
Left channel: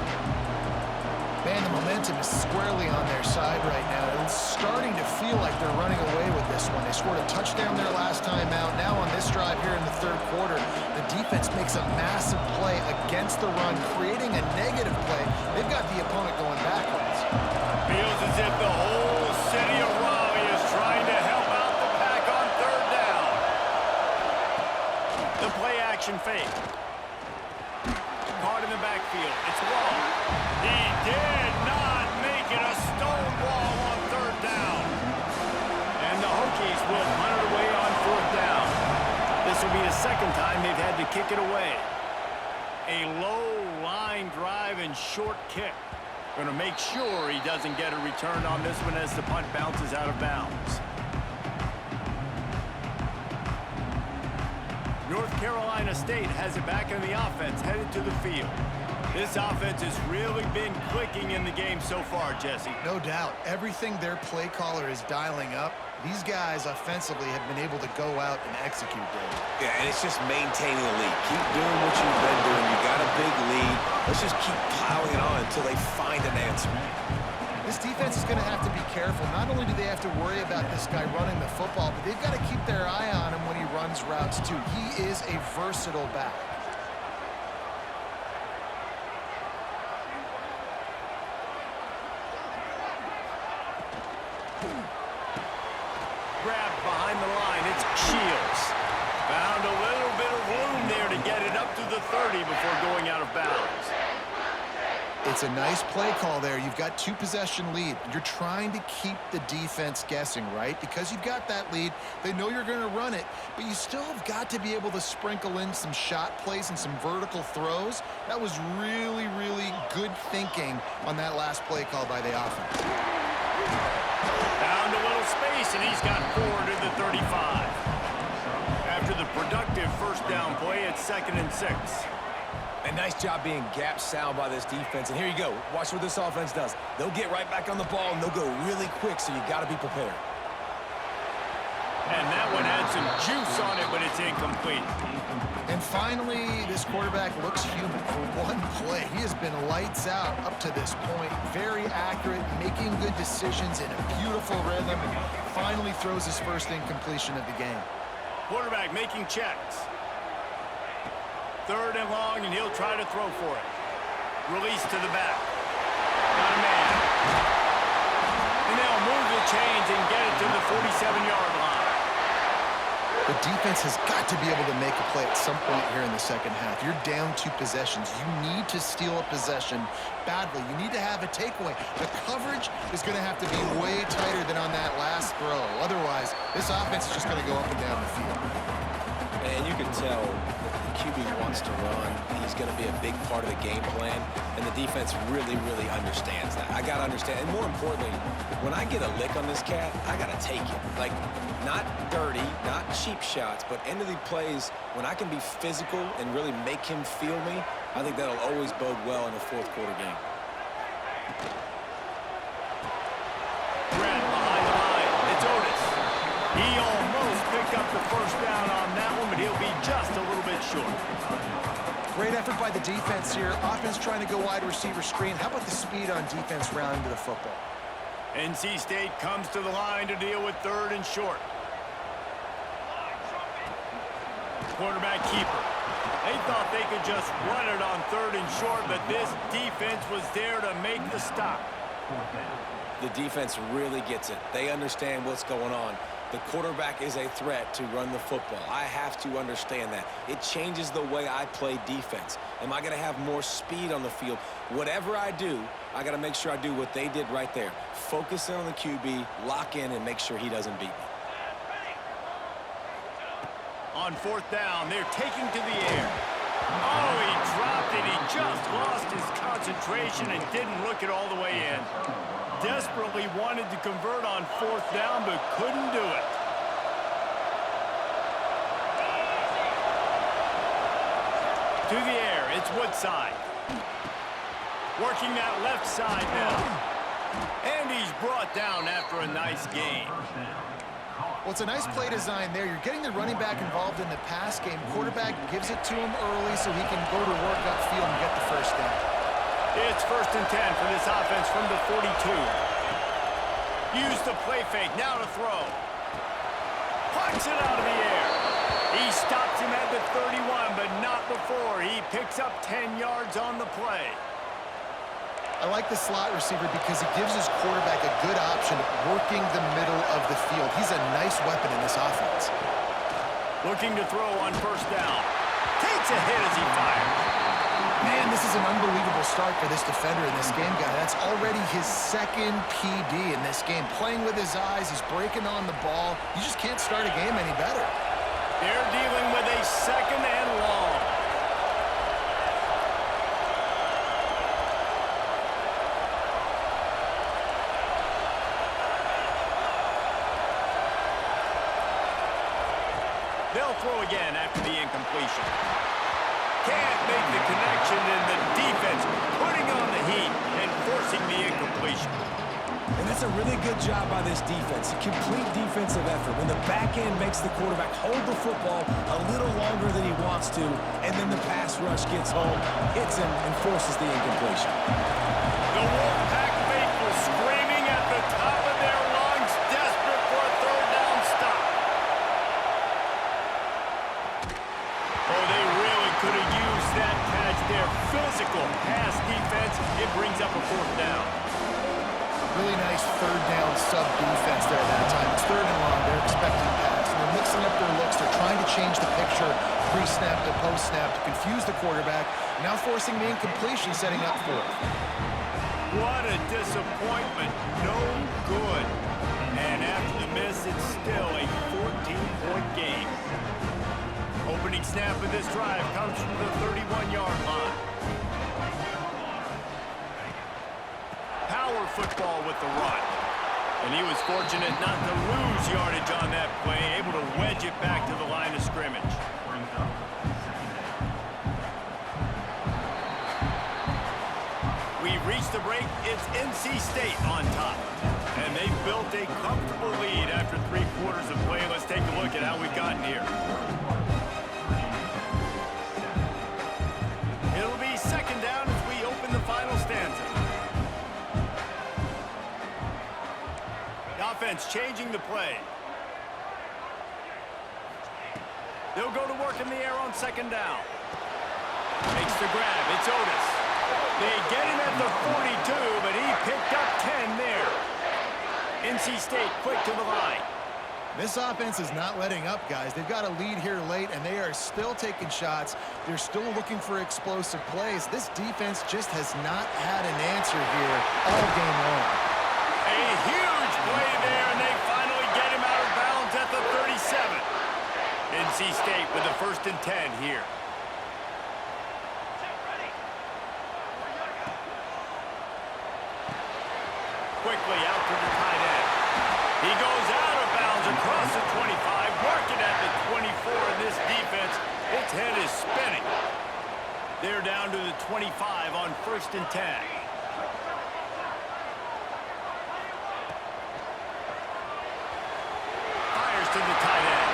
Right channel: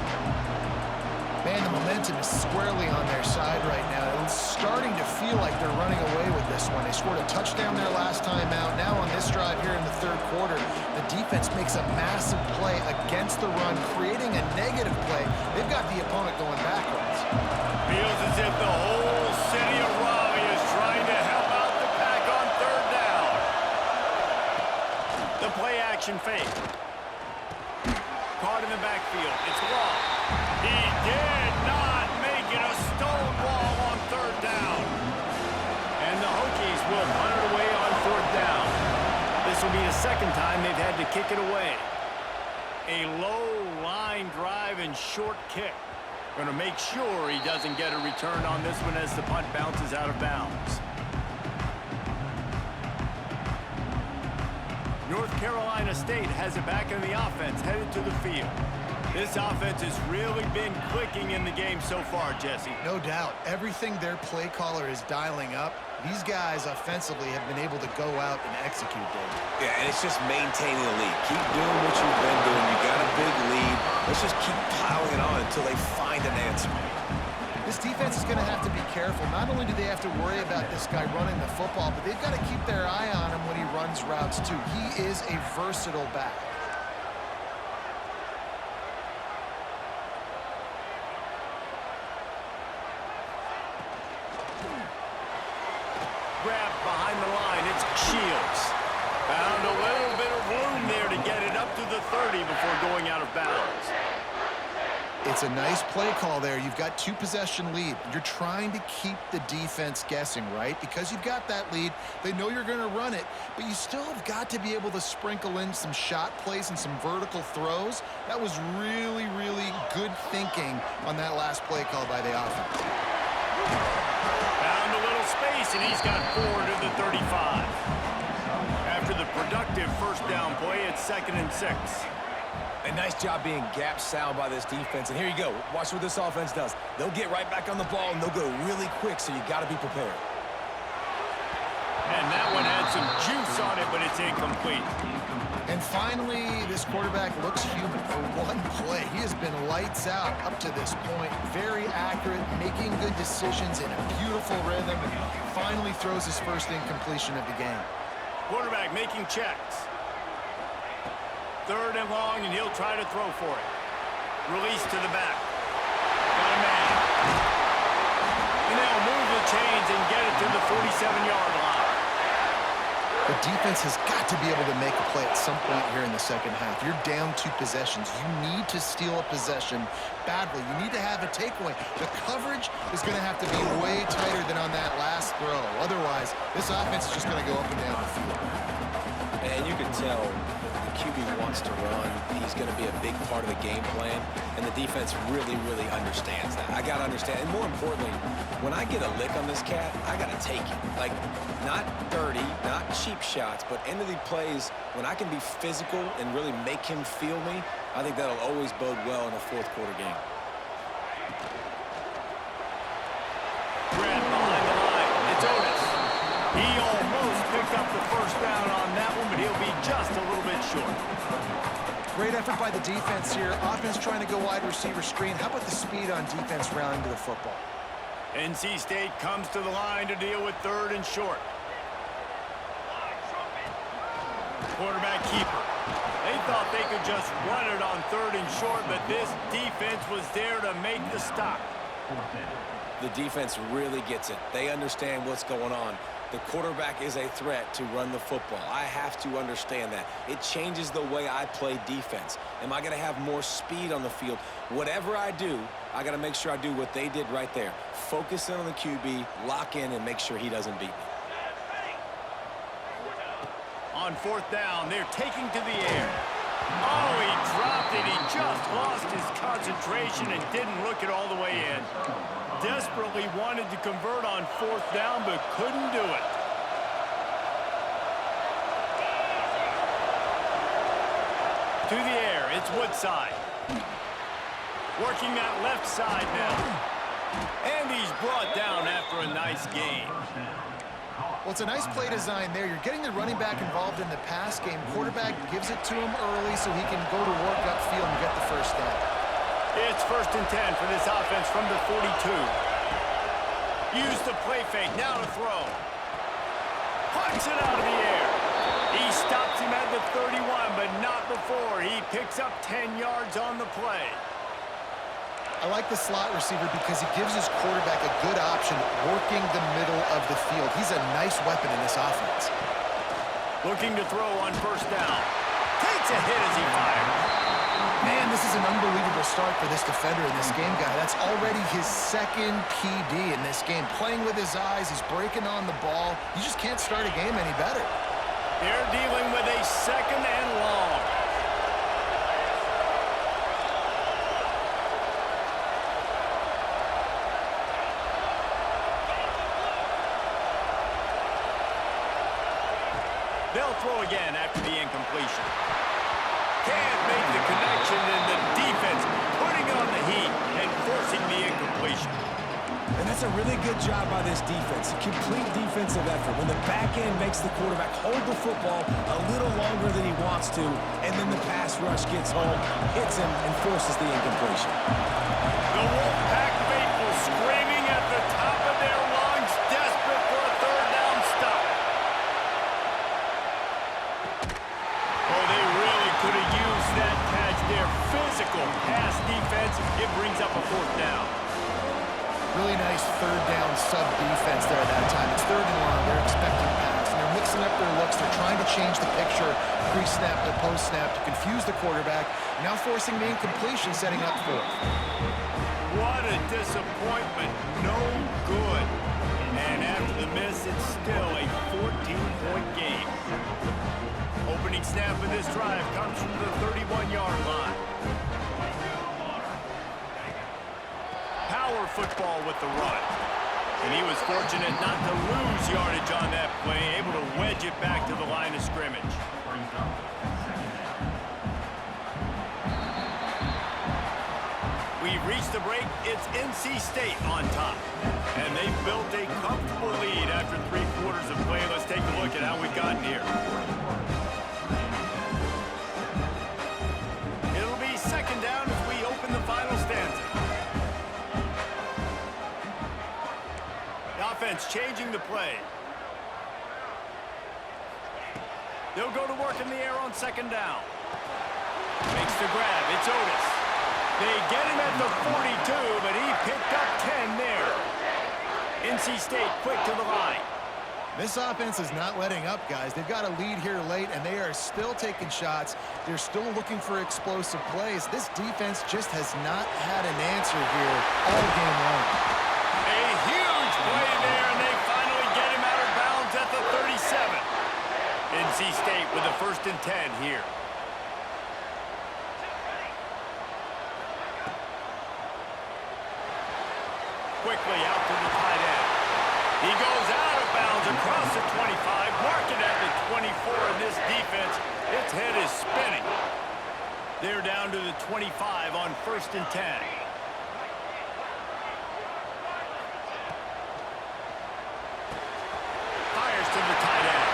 Man, the momentum is squarely on their side right now. It's starting to feel like they're running away with this one. They scored a touchdown their last time out. Now on this drive here in the 3rd quarter, the defense makes a massive play against the run, creating a negative play. They've got the opponent going backwards. Feels as if the whole city of Raleigh is trying to help out the Pack on 3rd down. The play action fake. Caught in the backfield. It's Long. He did not make it a stone wall on 3rd down. And the Hokies will punt it away on 4th down. This will be the 2nd time they've had to kick it away. A low line drive and short kick. Going to make sure he doesn't get a return on this one as the punt bounces out of bounds. North Carolina State has it back in the offense, headed to the field. This offense has really been clicking in the game so far, Jesse. No doubt. Everything their play caller is dialing up, these guys offensively have been able to go out and execute, Dave. Yeah, and it's just maintaining the lead. Keep doing what you've been doing. You got a big lead. Let's just keep piling it on until they find an answer. This defense is going to have to be careful. Not only do they have to worry about this guy running the football, but they've got to keep their eye on him when he runs routes, too. He is a versatile back. Grabbed behind the line. It's Shields. Found a little bit of room there to get it up to the 30 before going out of bounds. It's a nice play call there. You've got 2-possession lead. You're trying to keep the defense guessing, right? Because you've got that lead, they know you're going to run it, but you still have got to be able to sprinkle in some shot plays and some vertical throws. That was really, really good thinking on that last play call by the offense. Found a little space, and he's got 4 to the 35. After the productive first down play, it's 2nd and 6. A nice job being gap sound by this defense. And here you go. Watch what this offense does. They'll get right back on the ball, and they'll go really quick, so you got to be prepared. And that one had some juice on it, but it's incomplete. And finally, this quarterback looks human for one play. He has been lights out up to this point. Very accurate, making good decisions in a beautiful rhythm, and finally throws his first incompletion of the game. Quarterback making checks. 3rd and long, and he'll try to throw for it. Release to the back. Got a man. And they'll move the chains and get it to the 47-yard line. The defense has got to be able to make a play at some point here in the second half. You're down 2 possessions. You need to steal a possession badly. You need to have a takeaway. The coverage is going to have to be way tighter than on that last throw. Otherwise, this offense is just going to go up and down the field. And you can tell that the QB wants to run. He's going to be a big part of the game plan, and the defense really, really understands that. I got to understand, and more importantly, when I get a lick on this cat, I got to take it. Like, not dirty, not cheap shots, but end of the plays, when I can be physical and really make him feel me, I think that'll always bode well in a 4th quarter game. Grab behind the line. It's Otis. He almost picked up the first down on that one, but he'll be just a little bit short. Great effort by the defense here. Offense trying to go wide receiver screen. How about the speed on defense rounding to the football? NC State comes to the line to deal with 3rd and short. Quarterback keeper. They thought they could just run it on 3rd and short, but this defense was there to make the stop. The defense really gets it. They understand what's going on. The quarterback is a threat to run the football. I have to understand that. It changes the way I play defense. Am I going to have more speed on the field? Whatever I do, I got to make sure I do what they did right there. Focus in on the QB, lock in, and make sure he doesn't beat me. On 4th down, they're taking to the air. Oh, he dropped it. He just lost his concentration and didn't look it all the way in. Desperately wanted to convert on 4th down, but couldn't do it. To the air, it's Woodside. Working that left side now. And he's brought down after a nice gain. Well, it's a nice play design there. You're getting the running back involved in the pass game. Quarterback gives it to him early so he can go to work upfield and get the 1st down. It's 1st and 10 for this offense from the 42. Use the play fake, now to throw. Punts it out of the air. He stops him at the 31, but not before. He picks up 10 yards on the play. I like the slot receiver because he gives his quarterback a good option working the middle of the field. He's a nice weapon in this offense. Looking to throw on 1st down. Takes a hit as he fires. Man, this is an unbelievable start for this defender in this game, guy. That's already his 2nd PD in this game. Playing with his eyes, he's breaking on the ball. You just can't start a game any better. They're dealing with a 2nd and long. They'll throw again after the incompletion. Can't make the connection, and the defense putting on the heat and forcing the incompletion. And that's a really good job by this defense. A complete defensive effort. When the back end makes the quarterback hold the football a little longer than he wants to, and then the pass rush gets home, hits him, and forces the incompletion. The Wolfpack faithful screaming at the top of their lungs, desperate for a 3rd down stop. Oh, they really could have used that catch there. Physical pass defense. It brings up a 4th down. Really nice 3rd down sub-defense there at that time. It's 3rd and long. They're expecting pass, and they're mixing up their looks. They're trying to change the picture pre-snap to post-snap to confuse the quarterback, now forcing the incompletion, setting up 4th. What a disappointment. No good. And after the miss, it's still a 14-point game. Opening snap of this drive comes from the 31-yard line. Power football with the run. And he was fortunate not to lose yardage on that play, able to wedge it back to the line of scrimmage. We reached the break. It's NC State on top. And they've built a comfortable lead after 3 quarters of play. Let's take a look at how we've gotten here. It'll be 2nd down as we open the final stanza. The offense changing the play. They'll go to work in the air on 2nd down. Makes the grab. It's Otis. They get him at the 42, but he picked up 10 there. NC State quick to the line. This offense is not letting up, guys. They've got a lead here late, and they are still taking shots. They're still looking for explosive plays. This defense just has not had an answer here all game long. A huge play there, and they finally get him out of bounds at the 37. NC State with the 1st and 10 here. Quickly out to the tight end. He goes out of bounds across the 25, mark it at the 24, and this defense, its head is spinning. They're down to the 25 on 1st and 10. Fires to the tight end.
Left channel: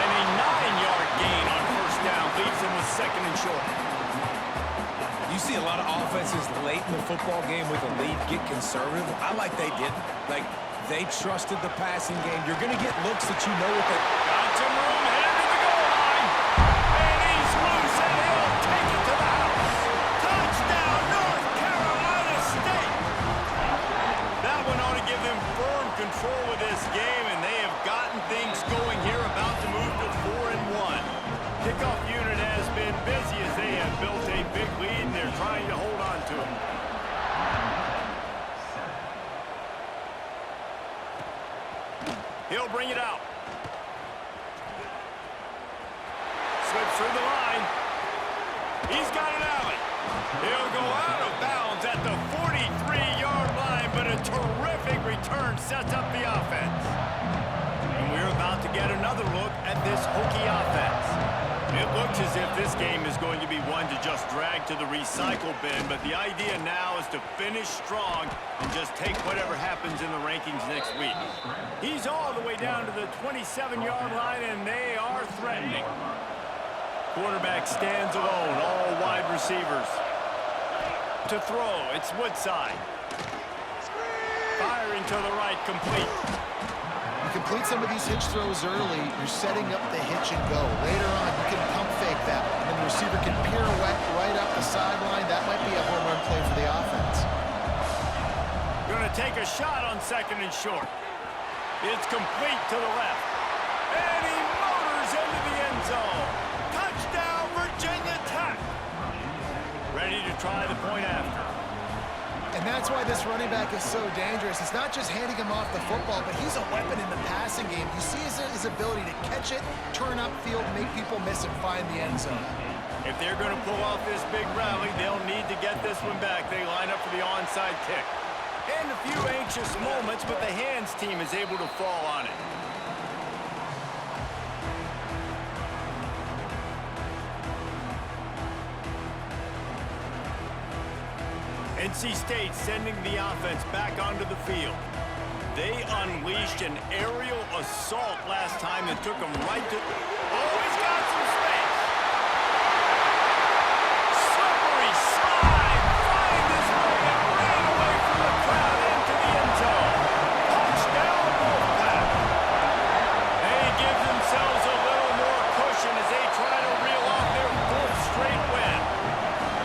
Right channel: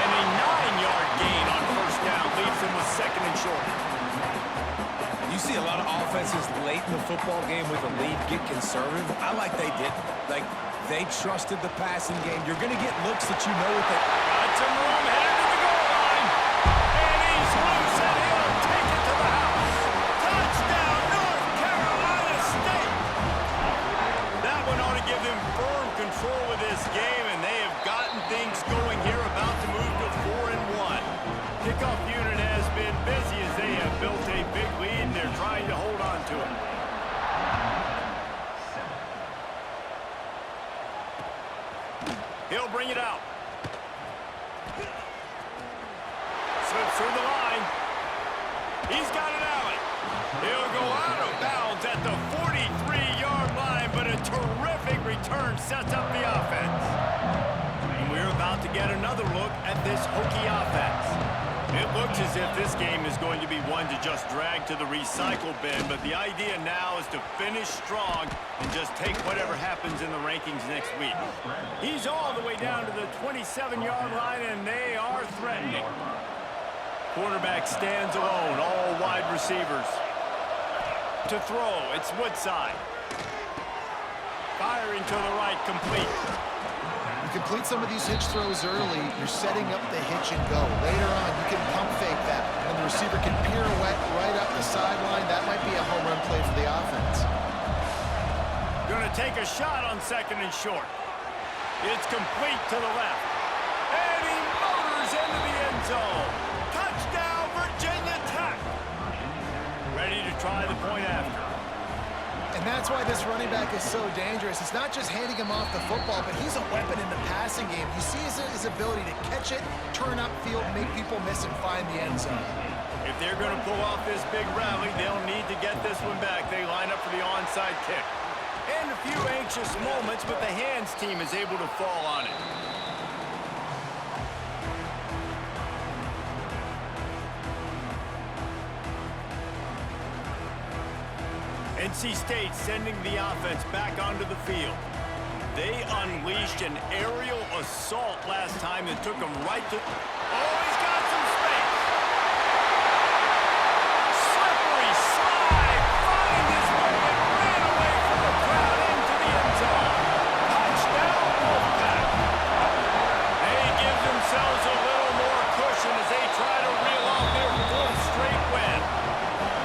And a 9-yard gain on 1st down leaves him with 2nd and short. You You see a lot of offenses late in the football game with a lead get conservative. I like they didn't. Like, they trusted the passing game. You're going to get looks that you know what they... Got some room, headed to the goal line. And he's loose, and he'll take it to the house. Touchdown, North Carolina State. That one ought to give them firm control of this game, and they have gotten things going here, about to move to 4-1. Kickoff unit has been busy as they have built a big lead, and they're trying to hold on to it. He'll bring it out. Slips through the line. He's got an alley. He'll go out of bounds at the 43-yard line, but a terrific return sets up the offense. And we're about to get another look at this Hokie offense. It looks as if this game is going to be one to just drag to the recycle bin, but the idea now is to finish strong and just take whatever happens in the rankings next week. He's all the way down to the 27-yard line, and they are threatening. Quarterback stands alone, all wide receivers. To throw, it's Woodside. Firing to the right, complete. You complete some of these hitch throws early, you're setting up the hitch and go. Later on, you can pump fake that, and then the receiver can pirouette right up the sideline. That might be a home run play for the offense. Going to take a shot on 2nd and short. It's complete to the left. And he motors into the end zone. Touchdown, Virginia Tech. Ready to try the point after. And that's why this running back is so dangerous. It's not just handing him off the football, but he's a weapon in the passing game. You see his ability to catch it, turn upfield, make people miss, and find the end zone. If they're going to pull off this big rally, they'll need to get this one back. They line up for the onside kick. And a few anxious moments, but the hands team is able to fall on it. NC State sending the offense back onto the field. They unleashed an aerial assault last time that took them right to... Oh, he's got some space. Slippery slide, find his way and ran away from the crowd into the end zone. Touchdown, Wolfpack. They give themselves a little more cushion as they try to reel off their 4th straight win.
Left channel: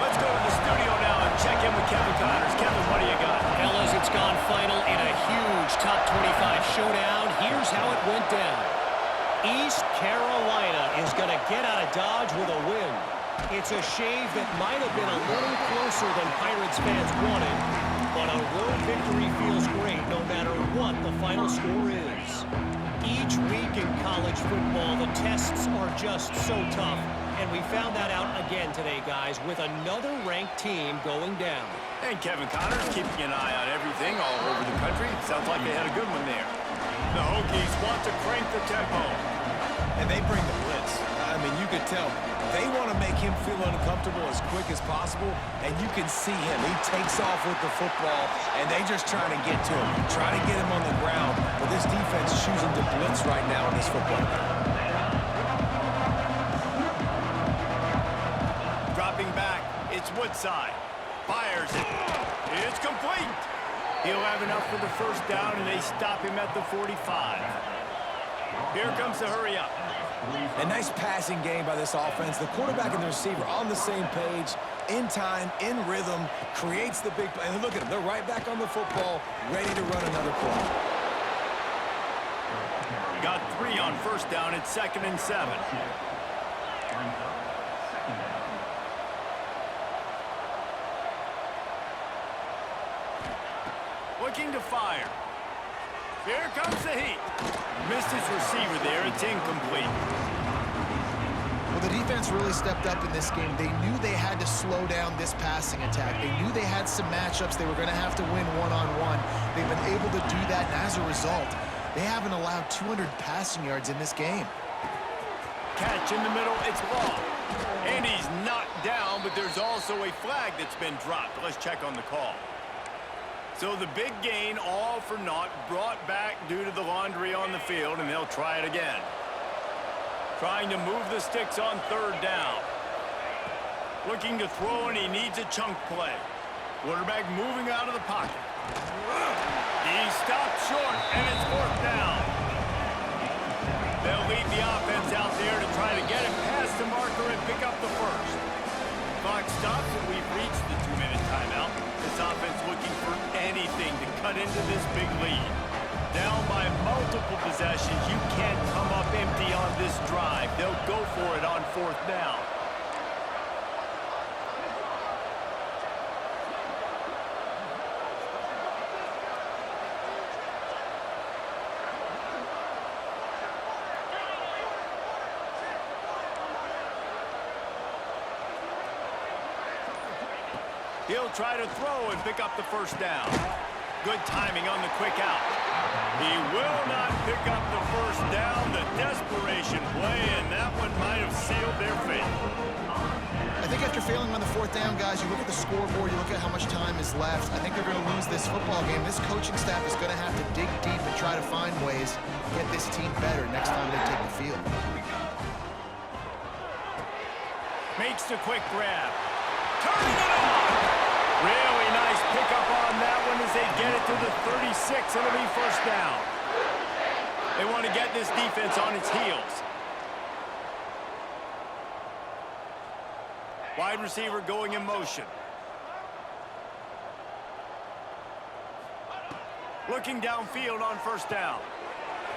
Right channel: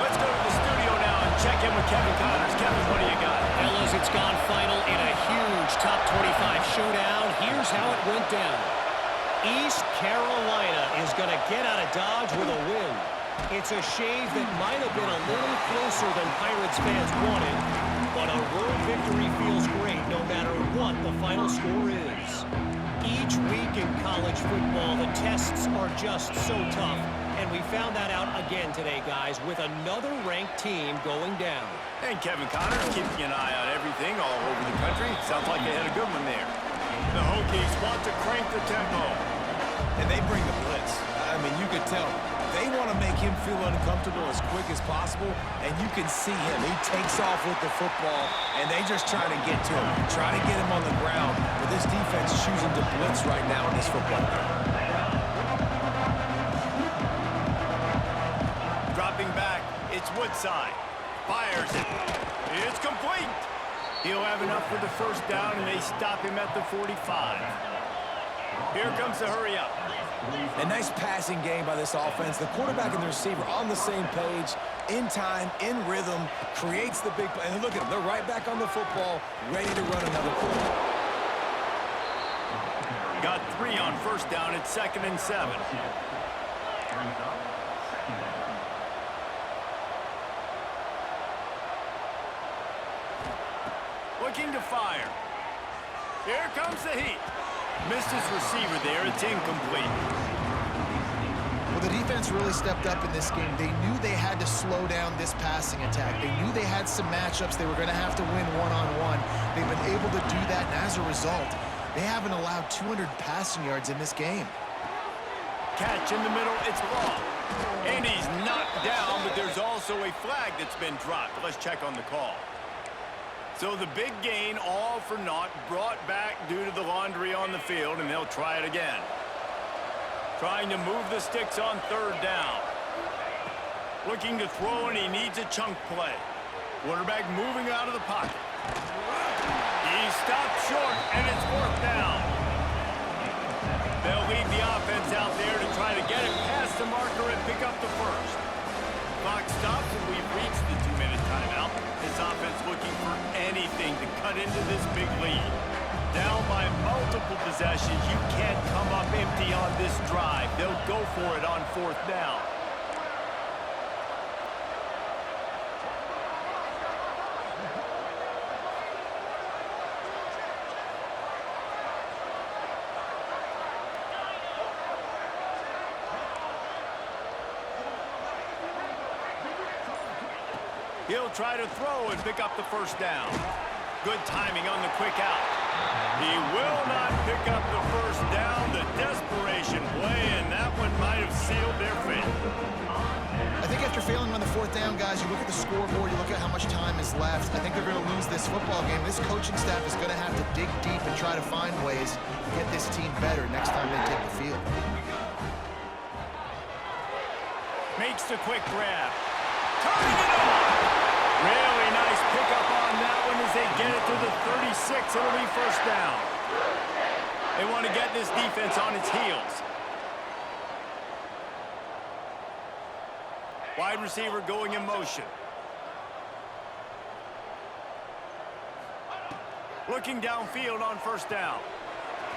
Let's go to the studio now and check in with Kevin Connors. Kevin, what do you got? Fellas, it's gone final in a huge top 25 showdown. Here's how it went down. East Carolina is going to get out of Dodge with a win. It's a shave that might have been a little closer than Pirates fans wanted, but a road victory feels great no matter what the final score is. Each week in college football, the tests are just so tough. And we found that out again today, guys, with another ranked team going down. And Kevin Connors keeping an eye on everything all over the country. Sounds like they had a good one there. The Hokies want to crank the tempo. And they bring the blitz. I mean, you could tell. They want to make him feel uncomfortable as quick as possible, and you can see him. He takes off with the football, and they just trying to get to him, trying to get him on the ground. But this defense is choosing to blitz right now in this football game. Dropping back, it's Woodside. Fires it. It's complete. He'll have enough for the first down, and they stop him at the 45. Here comes the hurry up. A nice passing game by this offense. The quarterback and the receiver on the same page, in time, in rhythm, creates the big play. And look at them. They're right back on the football, ready to run another play. Got 3 on first down. It's 2nd and 7. Looking to fire. Here comes the heat. Missed his receiver there. It's incomplete. Well, the defense really stepped up in this game. They knew they had to slow down this passing attack. They knew they had some matchups they were going to have to win one-on-one. They've been able to do that, and as a result, they haven't allowed 200 passing yards in this game. Catch in the middle. It's long. And he's knocked down, but there's also a flag that's been dropped. Let's check on the call. So the big gain, all for naught, brought back due to the laundry on the field, and they'll try it again. Trying to move the sticks on 3rd down. Looking to throw, and he needs a chunk play. Quarterback moving out of the pocket. He stopped short, and it's 4th down. They'll lead the offense out there to try to get it past the marker and pick up the first. Clock stops, and we've reached the 2-minute timeout. This offense looking for anything to cut into this big lead. Down by multiple possessions, you can't come up empty on this drive. They'll go for it on 4th down. He'll try to throw and pick up the first down. Good timing on the quick out. He will not pick up the first down. The desperation play, and that one might have sealed their fate. I think after failing on the 4th down, guys, you look at the scoreboard, you look at how much time is left. I think they're going to lose this football game. This coaching staff is going to have to dig deep and try to find ways to get this team better next time they take the field. Makes the quick grab. Turning it on. Really nice pickup on that one as they get it to the 36. It'll be 1st down. They want to get this defense on its heels. Wide receiver going in motion. Looking downfield on 1st down.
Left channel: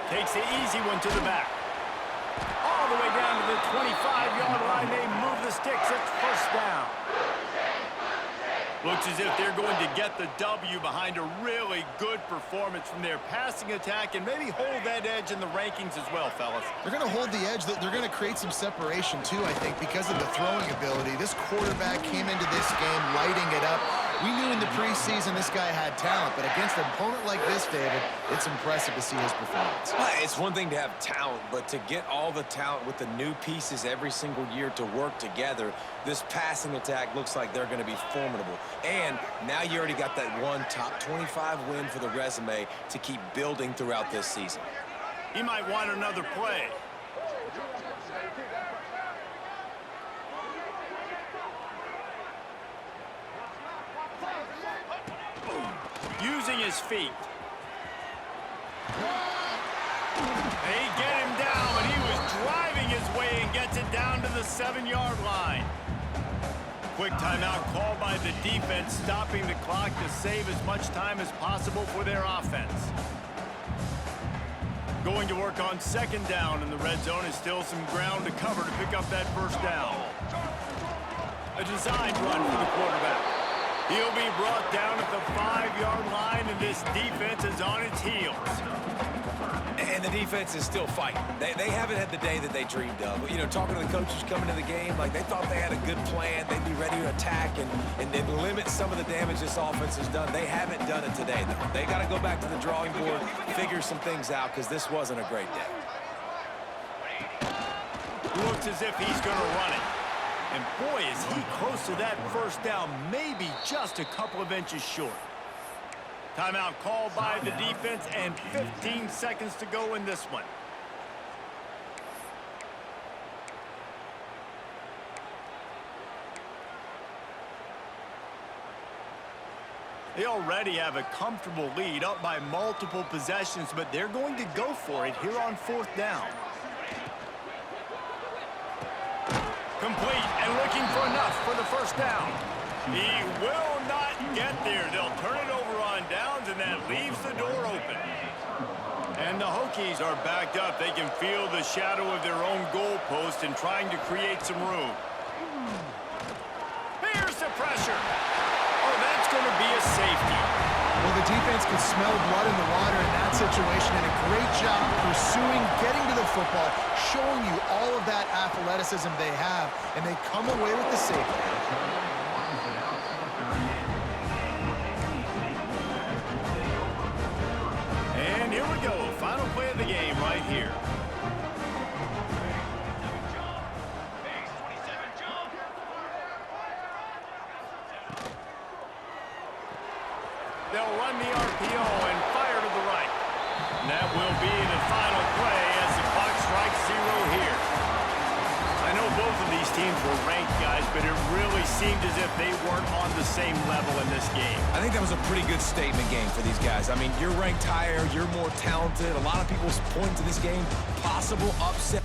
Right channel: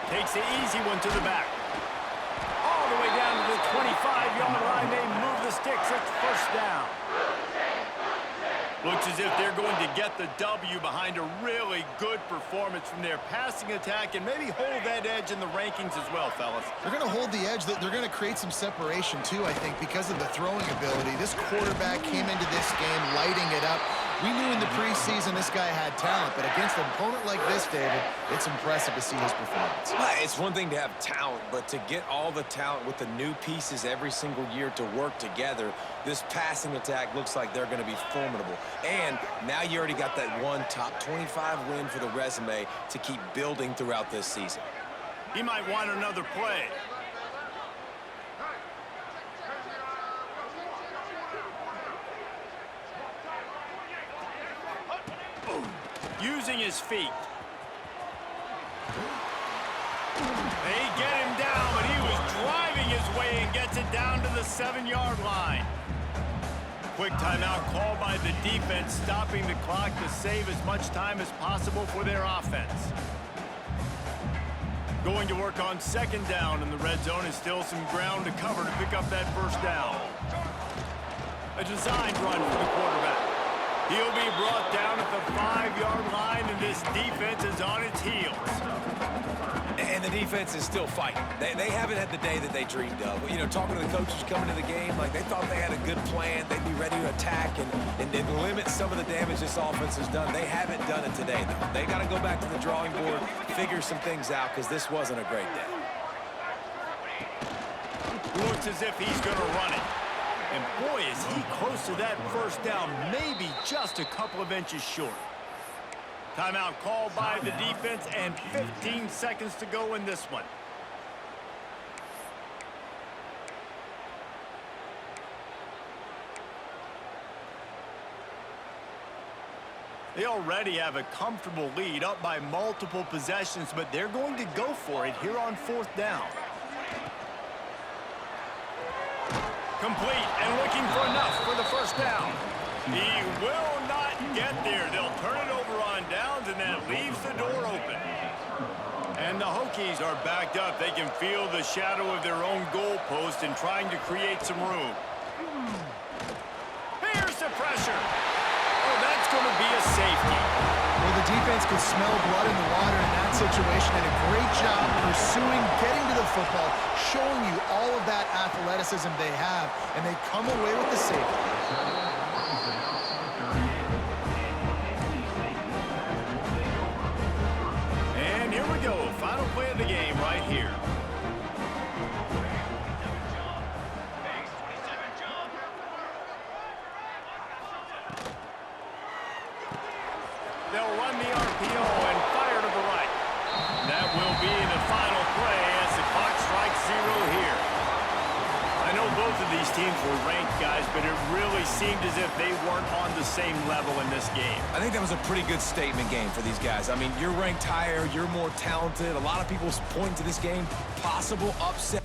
Takes the easy one to the back. All the way down to the 25-yard line. They move the sticks. It's 1st down. Looks as if they're going to get the W behind a really good performance from their passing attack and maybe hold that edge in the rankings as well, fellas. They're going to hold the edge. They're going to create some separation, too, I think, because of the throwing ability. This quarterback came into this game lighting it up. We knew in the preseason this guy had talent, but against an opponent like this, David, it's impressive to see his performance. Well, it's one thing to have talent, but to get all the talent with the new pieces every single year to work together, this passing attack looks like they're going to be formidable. And now you already got that one top 25 win for the resume to keep building throughout this season. He might want another play. Using his feet. They get him down, but he was driving his way and gets it down to the 7-yard line. Quick timeout called by the defense, stopping the clock to save as much time as possible for their offense. Going to work on 2nd down in the red zone is still some ground to cover to pick up that 1st down. A designed run for the quarterback. He'll be brought down at the 5-yard line, and this defense is on its heels. And the defense is still fighting. They haven't had the day that they dreamed of. You know, talking to the coaches coming to the game, like they thought they had a good plan. They'd be ready to attack and limit some of the damage this offense has done. They haven't done it today, though. They got to go back to the drawing board, figure some things out, because this wasn't a great day. Looks as if he's going to run it. And boy, is he close to that 1st down, maybe just a couple of inches short. Timeout called by the defense, and 15 seconds to go in this one. They already have a comfortable lead, up by multiple possessions, but they're going to go for it here on 4th down. Complete and looking for enough for the 1st down. He will not get there. They'll turn it over on downs, and that leaves the door open. And the Hokies are backed up. They can feel the shadow of their own goalpost and trying to create some room. Here's the pressure. Oh, that's going to be a safety. Well, the defense could smell blood in the water in that situation, and a great job pursuing, getting to the football, showing you all of that athleticism they have, and they come away with the safety. And here we go, final play of the game right here. They'll run the RPO and fire to the right. And that will be the final play as the clock strikes 0 here. I know Both of these teams were ranked, guys, but it really seemed as if they weren't on the same level in this game. I think that was a pretty good statement game for these guys. I mean, you're ranked higher, you're more talented. A lot of people point to this game, possible upset.